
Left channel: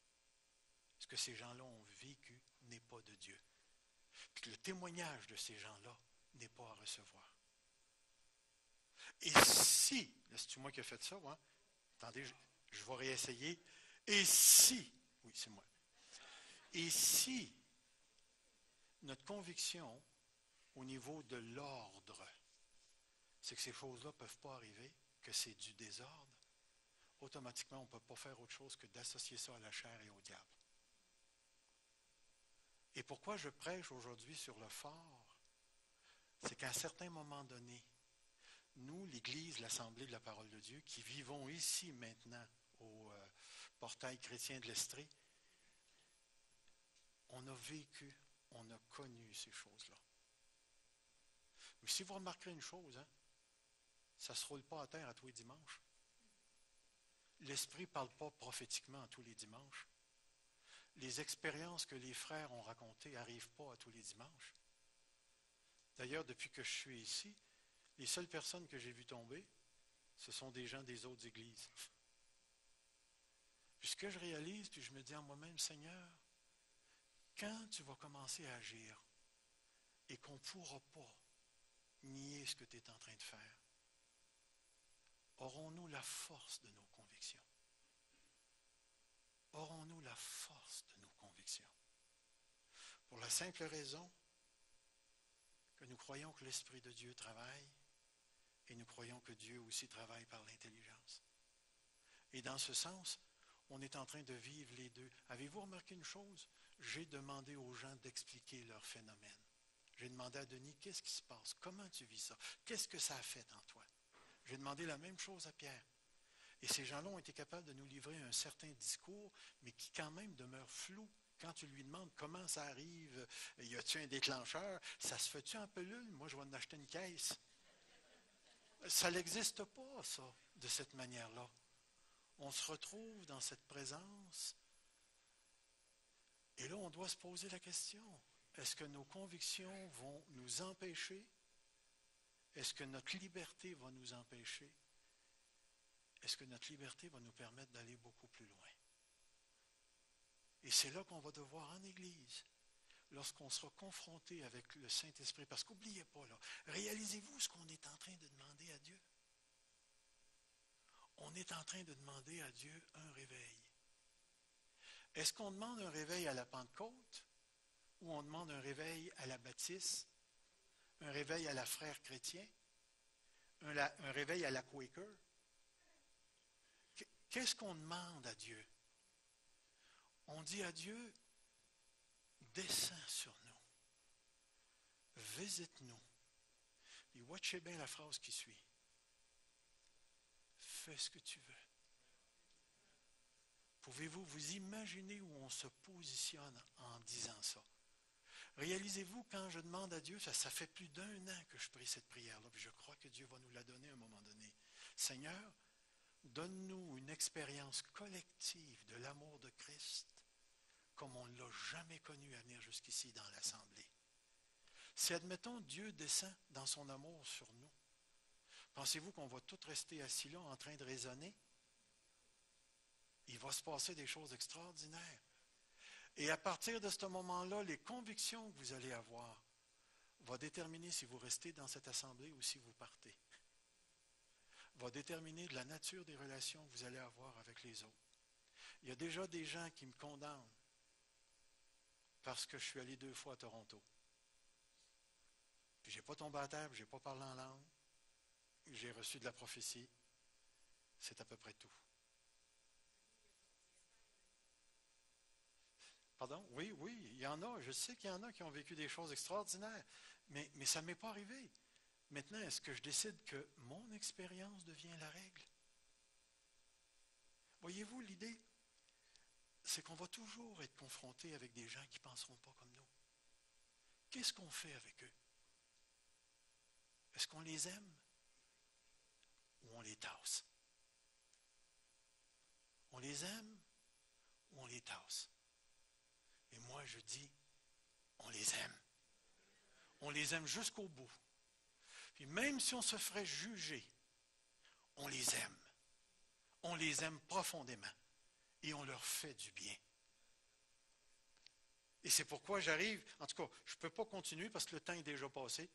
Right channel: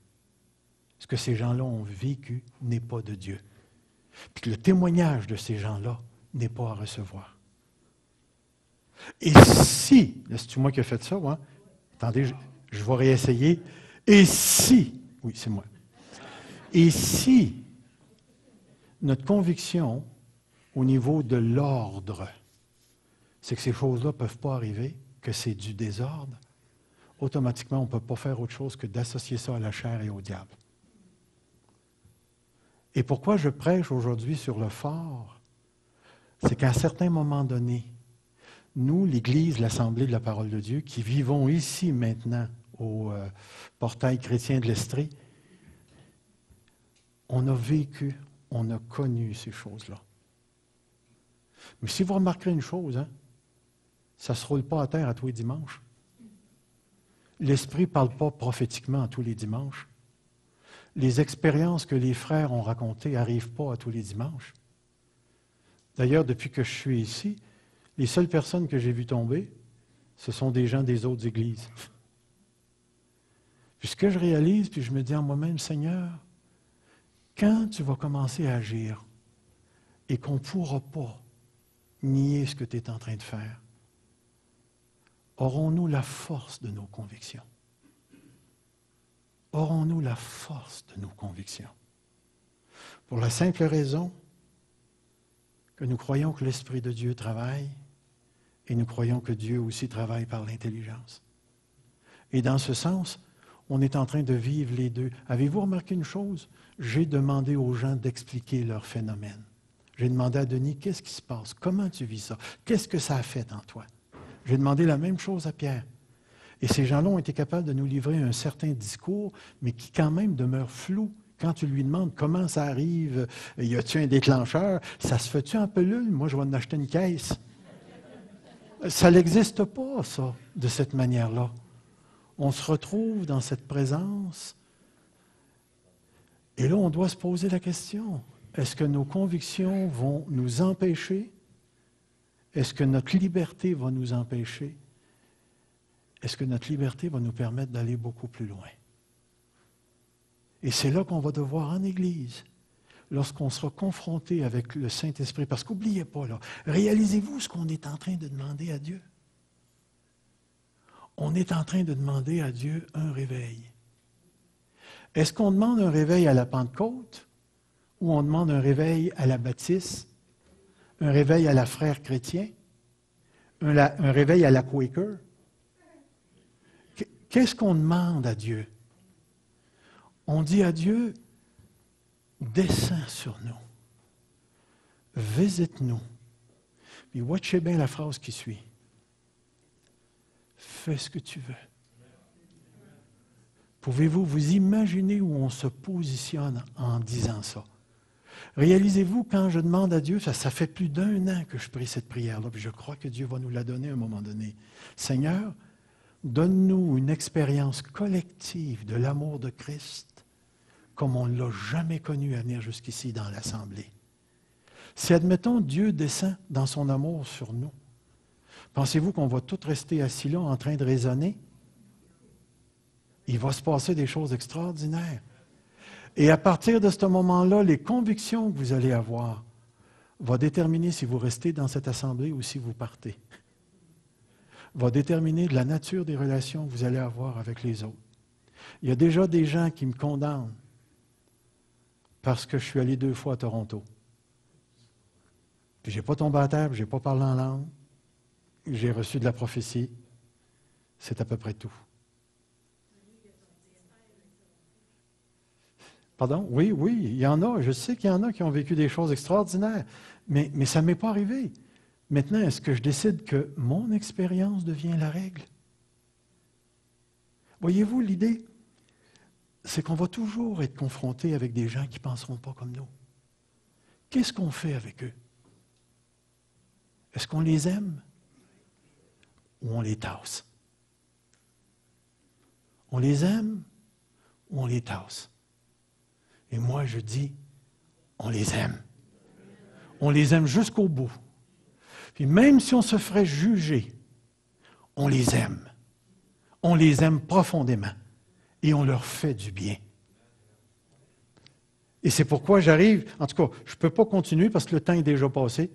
Ce que ces gens-là ont vécu n'est pas de Dieu. Puis que le témoignage de ces gens-là n'est pas à recevoir. Et si, c'est moi qui ai fait ça, moi. Attendez, je vais réessayer. Et si, oui, c'est moi. Et si notre conviction au niveau de l'ordre, c'est que ces choses-là ne peuvent pas arriver, que c'est du désordre, automatiquement, on ne peut pas faire autre chose que d'associer ça à la chair et au diable. Et pourquoi je prêche aujourd'hui sur le fort, c'est qu'à un certain moment donné, nous, l'Église, l'Assemblée de la parole de Dieu, qui vivons ici maintenant au portail chrétien de l'Estrie, on a vécu, on a connu ces choses-là. Mais si vous remarquerez une chose, hein, ça ne se roule pas à terre à tous les dimanches. L'Esprit ne parle pas prophétiquement à tous les dimanches. Les expériences que les frères ont racontées n'arrivent pas à tous les dimanches. D'ailleurs, depuis que je suis ici, les seules personnes que j'ai vues tomber, ce sont des gens des autres églises. Puis ce que je réalise, puis je me dis en moi-même, Seigneur, quand tu vas commencer à agir et qu'on ne pourra pas nier ce que tu es en train de faire, aurons-nous la force de nos convictions? Aurons-nous la force de nos convictions? Pour la simple raison que nous croyons que l'Esprit de Dieu travaille et nous croyons que Dieu aussi travaille par l'intelligence. Et dans ce sens, on est en train de vivre les deux. Avez-vous remarqué une chose? J'ai demandé aux gens d'expliquer leur phénomène. J'ai demandé à Denis, qu'est-ce qui se passe? Comment tu vis ça? Qu'est-ce que ça a fait en toi? J'ai demandé la même chose à Pierre. Et ces gens-là ont été capables de nous livrer un certain discours, mais qui quand même demeure flou. Quand tu lui demandes comment ça arrive, y a-t-il un déclencheur? Ça se fait-tu en pelule? Moi, je vais en acheter une caisse. Ça n'existe pas, ça, de cette manière-là. On se retrouve dans cette présence. Et là, on doit se poser la question, est-ce que nos convictions vont nous empêcher? Est-ce que notre liberté va nous empêcher? Est-ce que notre liberté va nous permettre d'aller beaucoup plus loin? Et c'est là qu'on va devoir, en Église, lorsqu'on sera confronté avec le Saint-Esprit, parce qu'oubliez pas, là, réalisez-vous ce qu'on est en train de demander à Dieu? On est en train de demander à Dieu un réveil. Est-ce qu'on demande un réveil à la Pentecôte ou on demande un réveil à la baptiste, un réveil à la frère chrétien, un réveil à la Quaker? Qu'est-ce qu'on demande à Dieu? On dit à Dieu, descends sur nous, visite-nous. Puis watchez bien la phrase qui suit. Fais ce que tu veux. Pouvez-vous vous imaginer où on se positionne en disant ça? Réalisez-vous, quand je demande à Dieu, ça fait plus d'1 an que je prie cette prière-là, puis je crois que Dieu va nous la donner à un moment donné. Seigneur, donne-nous une expérience collective de l'amour de Christ comme on ne l'a jamais connu à venir jusqu'ici dans l'Assemblée. Si, admettons, Dieu descend dans son amour sur nous, pensez-vous qu'on va tous rester assis là en train de raisonner? Il va se passer des choses extraordinaires. Et à partir de ce moment-là, les convictions que vous allez avoir vont déterminer si vous restez dans cette assemblée ou si vous partez. Va déterminer de la nature des relations que vous allez avoir avec les autres. Il y a déjà des gens qui me condamnent parce que je suis allé 2 fois à Toronto. Puis je n'ai pas tombé à terre, je n'ai pas parlé en langue, j'ai reçu de la prophétie. C'est à peu près tout. Pardon? Oui, il y en a. Je sais qu'il y en a qui ont vécu des choses extraordinaires, mais ça ne m'est pas arrivé. Maintenant, est-ce que je décide que mon expérience devient la règle? Voyez-vous, l'idée, c'est qu'on va toujours être confronté avec des gens qui ne penseront pas comme nous. Qu'est-ce qu'on fait avec eux? Est-ce qu'on les aime ou on les tasse? On les aime ou on les tasse? Et moi, je dis, on les aime. On les aime jusqu'au bout. Puis même si on se ferait juger, on les aime. On les aime profondément. Et on leur fait du bien. Et c'est pourquoi j'arrive, en tout cas, je ne peux pas continuer parce que le temps est déjà passé.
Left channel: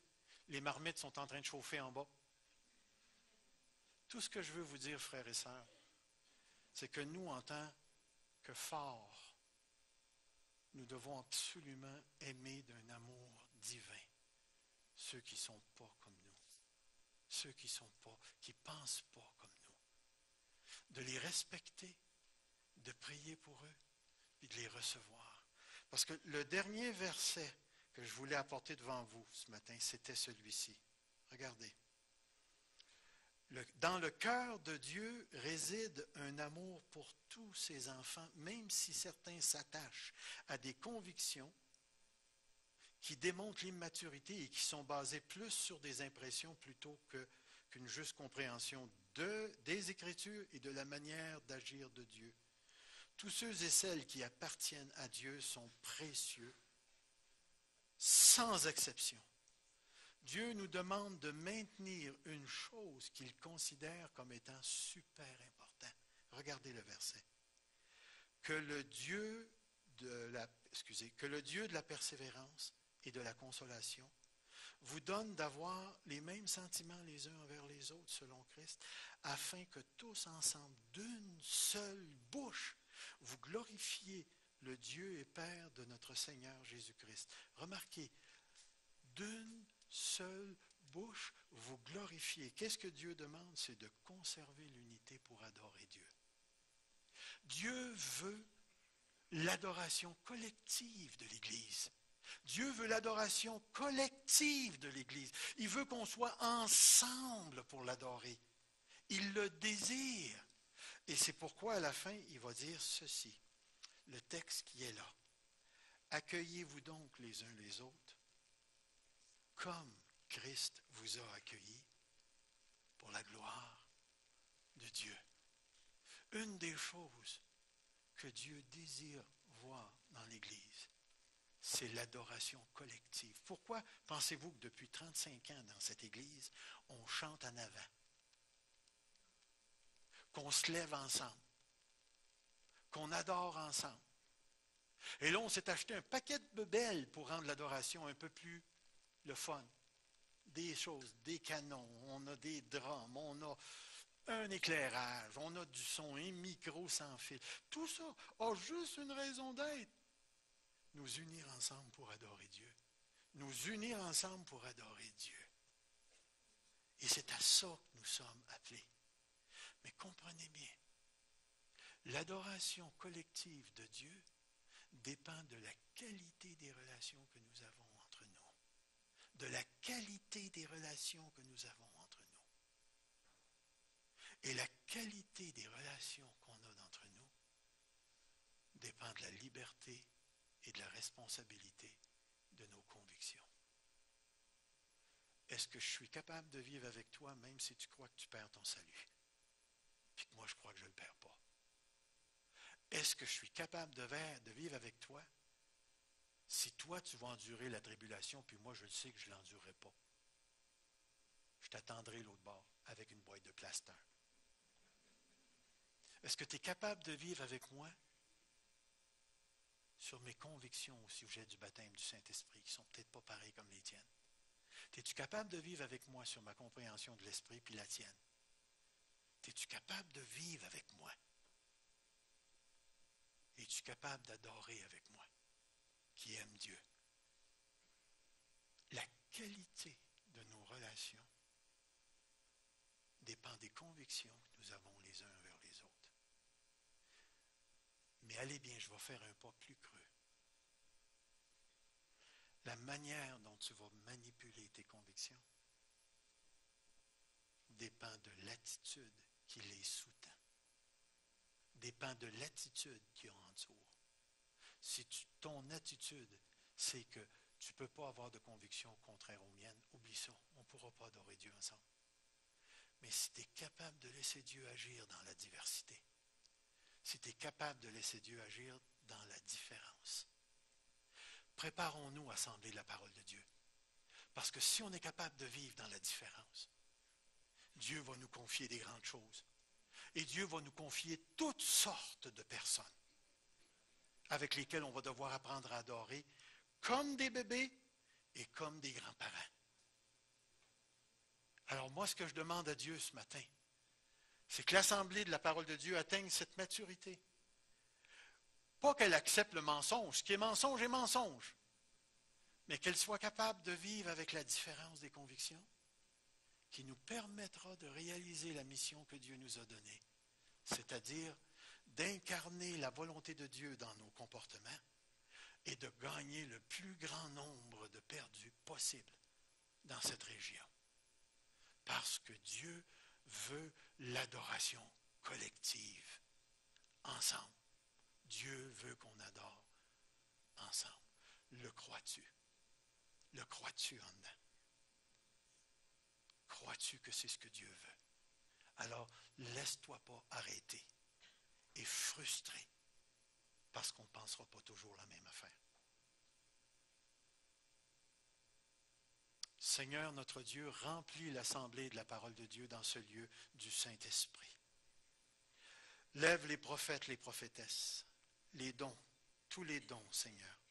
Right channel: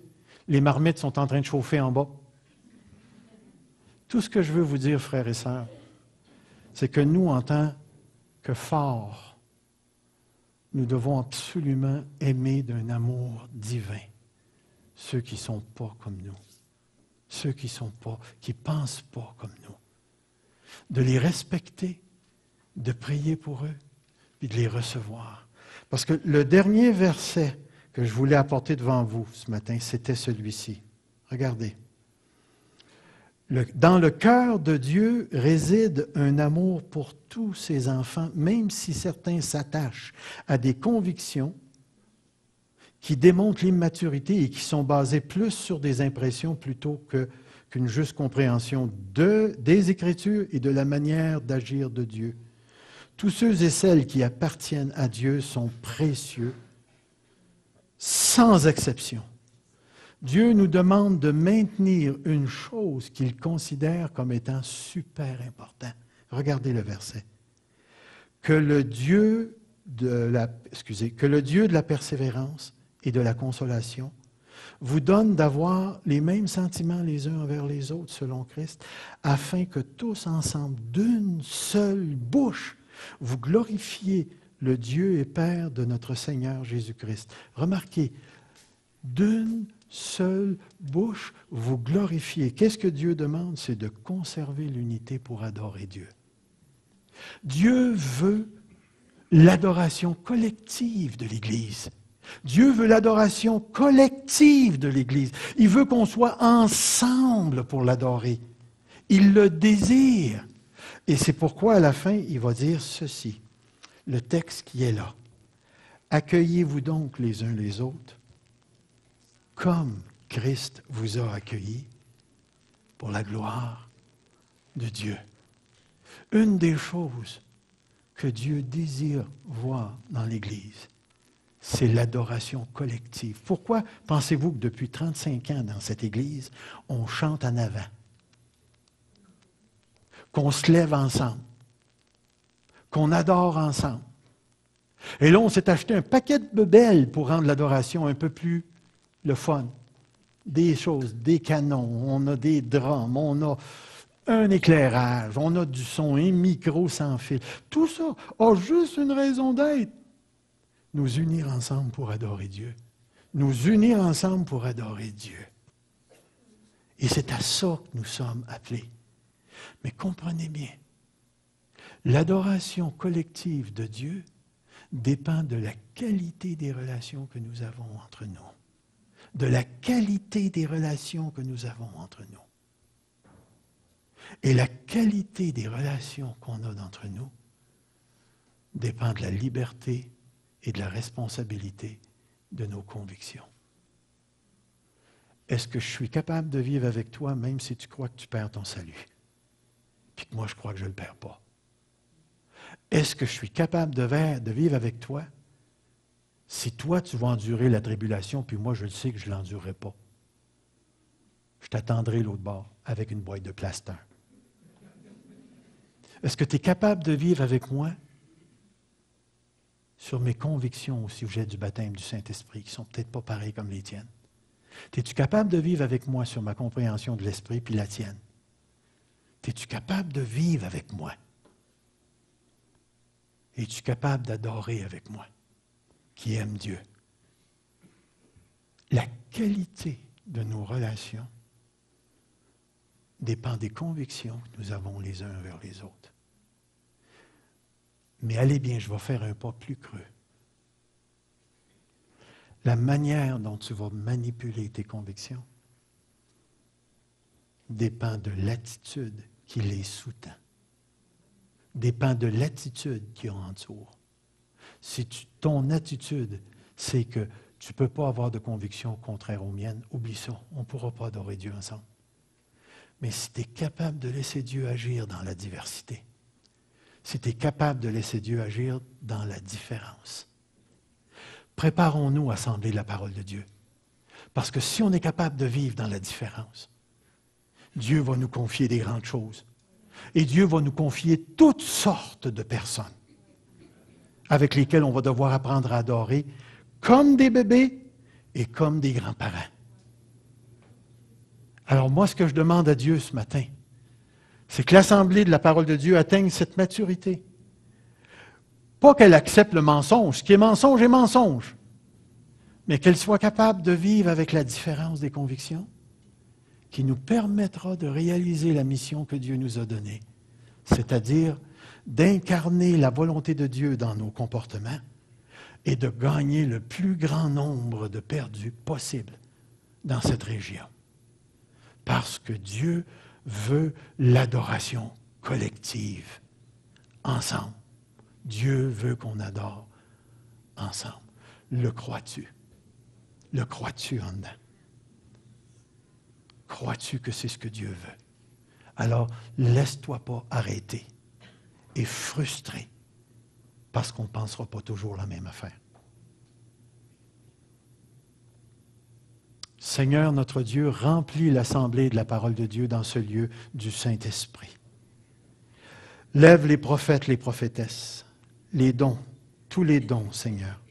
Les marmites sont en train de chauffer en bas. Tout ce que je veux vous dire, frères et sœurs, c'est que nous, en tant que forts, nous devons absolument aimer d'un amour divin ceux qui ne sont pas comme nous, ceux qui ne pensent pas comme nous, de les respecter, de prier pour eux, puis de les recevoir. Parce que le dernier verset que je voulais apporter devant vous ce matin, c'était celui-ci. Regardez. Dans le cœur de Dieu réside un amour pour tous ses enfants, même si certains s'attachent à des convictions qui démontrent l'immaturité et qui sont basées plus sur des impressions plutôt qu'une juste compréhension des Écritures et de la manière d'agir de Dieu. Tous ceux et celles qui appartiennent à Dieu sont précieux, sans exception. Dieu nous demande de maintenir une chose qu'il considère comme étant super important. Regardez le verset. Que le Dieu de la persévérance et de la consolation vous donne d'avoir les mêmes sentiments les uns envers les autres selon Christ, afin que tous ensemble, d'une seule bouche, vous glorifiez le Dieu et Père de notre Seigneur Jésus-Christ. Remarquez, d'une seule bouche, vous glorifiez. Qu'est-ce que Dieu demande? C'est de conserver l'unité pour adorer Dieu. Dieu veut l'adoration collective de l'Église. Dieu veut l'adoration collective de l'Église. Il veut qu'on soit ensemble pour l'adorer. Il le désire. Et c'est pourquoi à la fin, il va dire ceci, le texte qui est là. Accueillez-vous donc les uns les autres comme Christ vous a accueillis pour la gloire de Dieu. Une des choses que Dieu désire voir dans l'Église, c'est l'adoration collective. Pourquoi pensez-vous que depuis 35 ans dans cette Église, on chante en avant? Qu'on se lève ensemble, qu'on adore ensemble. Et là, on s'est acheté un paquet de bebelles pour rendre l'adoration un peu plus le fun. Des choses, des canons, on a des drums, on a un éclairage, on a du son, un micro sans fil. Tout ça a juste une raison d'être. Nous unir ensemble pour adorer Dieu. Nous unir ensemble pour adorer Dieu. Et c'est à ça que nous sommes appelés. Mais comprenez bien, l'adoration collective de Dieu dépend de la qualité des relations que nous avons entre nous. De la qualité des relations que nous avons entre nous. Et la qualité des relations qu'on a d'entre nous dépend de la liberté et de la responsabilité de nos convictions. Est-ce que je suis capable de vivre avec toi même si tu crois que tu perds ton salut? Puis que moi, je crois que je ne le perds pas. Est-ce que je suis capable de vivre avec toi si toi, tu vas endurer la tribulation, puis moi, je le sais que je ne l'endurerai pas? Je t'attendrai l'autre bord avec une boîte de plaster. Est-ce que tu es capable de vivre avec moi sur mes convictions au sujet du baptême du Saint-Esprit, qui ne sont peut-être pas pareilles comme les tiennes? Es-tu capable de vivre avec moi sur ma compréhension de l'Esprit, puis la tienne? Es-tu capable de vivre avec moi? Es-tu capable d'adorer avec moi, qui aime Dieu? La qualité de nos relations dépend des convictions que nous avons les uns envers les autres. Mais allez bien, je vais faire un pas plus creux. La manière dont tu vas manipuler tes convictions dépend de l'attitude qui les sous-tend. Dépend de l'attitude qui entoure. Si ton attitude, c'est que tu ne peux pas avoir de conviction contraire aux miennes, oublie ça, on ne pourra pas adorer Dieu ensemble. Mais si tu es capable de laisser Dieu agir dans la diversité, si tu es capable de laisser Dieu agir dans la différence, préparons-nous à sembler la parole de Dieu. Parce que si on est capable de vivre dans la différence, Dieu va nous confier des grandes choses. Et Dieu va nous confier toutes sortes de personnes avec lesquelles on va devoir apprendre à adorer comme des bébés et comme des grands-parents. Alors moi, ce que je demande à Dieu ce matin, c'est que l'Assemblée de la parole de Dieu atteigne cette maturité. Pas qu'elle accepte le mensonge. Ce qui est mensonge est mensonge. mais qu'elle soit capable de vivre avec la différence des convictions qui nous permettra de réaliser la mission que Dieu nous a donnée, c'est-à-dire d'incarner la volonté de Dieu dans nos comportements et de gagner le plus grand nombre de perdus possible dans cette région. Parce que Dieu veut l'adoration collective, ensemble. Dieu veut qu'on adore ensemble. Le crois-tu? Le crois-tu en dedans? Crois-tu que c'est ce que Dieu veut? Alors, laisse-toi pas arrêter et frustrer parce qu'on ne pensera pas toujours la même affaire. Seigneur, notre Dieu, remplis l'assemblée de la parole de Dieu dans ce lieu du Saint-Esprit. Lève les prophètes, les prophétesses, les dons, tous les dons, Seigneur.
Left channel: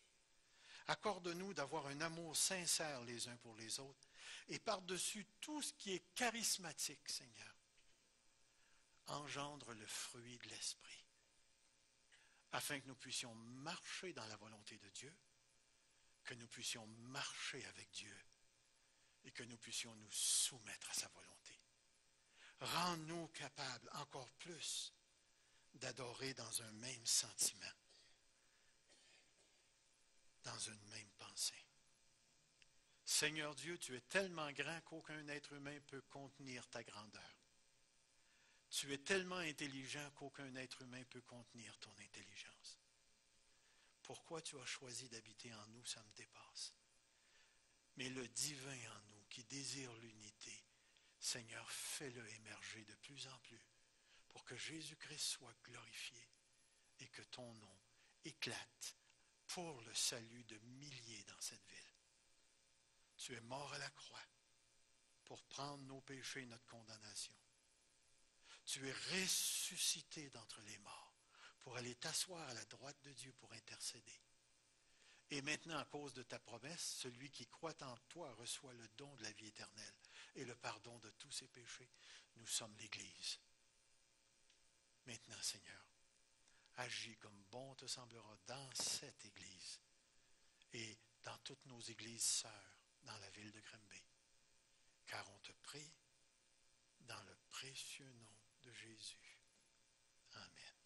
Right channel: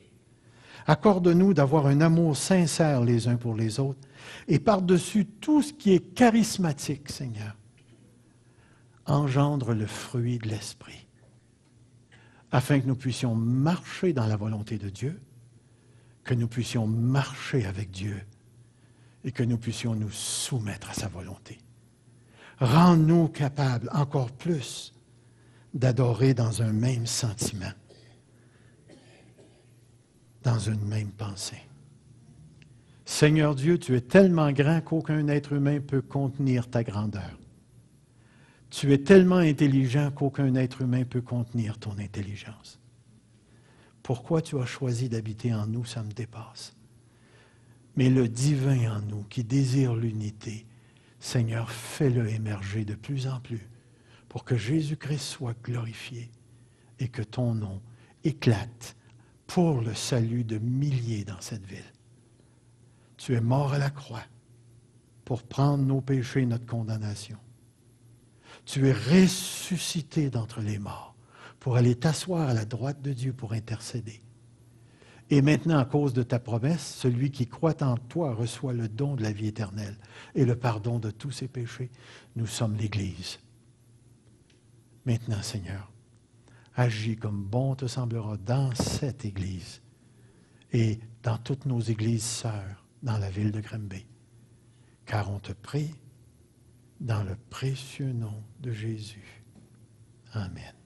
Accorde-nous d'avoir un amour sincère les uns pour les autres et par-dessus tout ce qui est charismatique, Seigneur, engendre le fruit de l'Esprit, afin que nous puissions marcher dans la volonté de Dieu, que nous puissions marcher avec Dieu et que nous puissions nous soumettre à sa volonté. Rends-nous capables encore plus d'adorer dans un même sentiment, dans une même pensée. Seigneur Dieu, tu es tellement grand qu'aucun être humain peut contenir ta grandeur. Tu es tellement intelligent qu'aucun être humain peut contenir ton intelligence. Pourquoi tu as choisi d'habiter en nous, ça me dépasse. Mais le divin en nous, qui désire l'unité, Seigneur, fais-le émerger de plus en plus pour que Jésus-Christ soit glorifié et que ton nom éclate pour le salut de milliers dans cette ville. Tu es mort à la croix pour prendre nos péchés et notre condamnation. Tu es ressuscité d'entre les morts pour aller t'asseoir à la droite de Dieu pour intercéder. Et maintenant, à cause de ta promesse, celui qui croit en toi reçoit le don de la vie éternelle et le pardon de tous ses péchés. Nous sommes l'Église. Maintenant, Seigneur, agis comme bon te semblera dans cette Église et dans toutes nos églises sœurs dans la ville de Granby. Car on te prie dans le précieux nom de Jésus. Amen.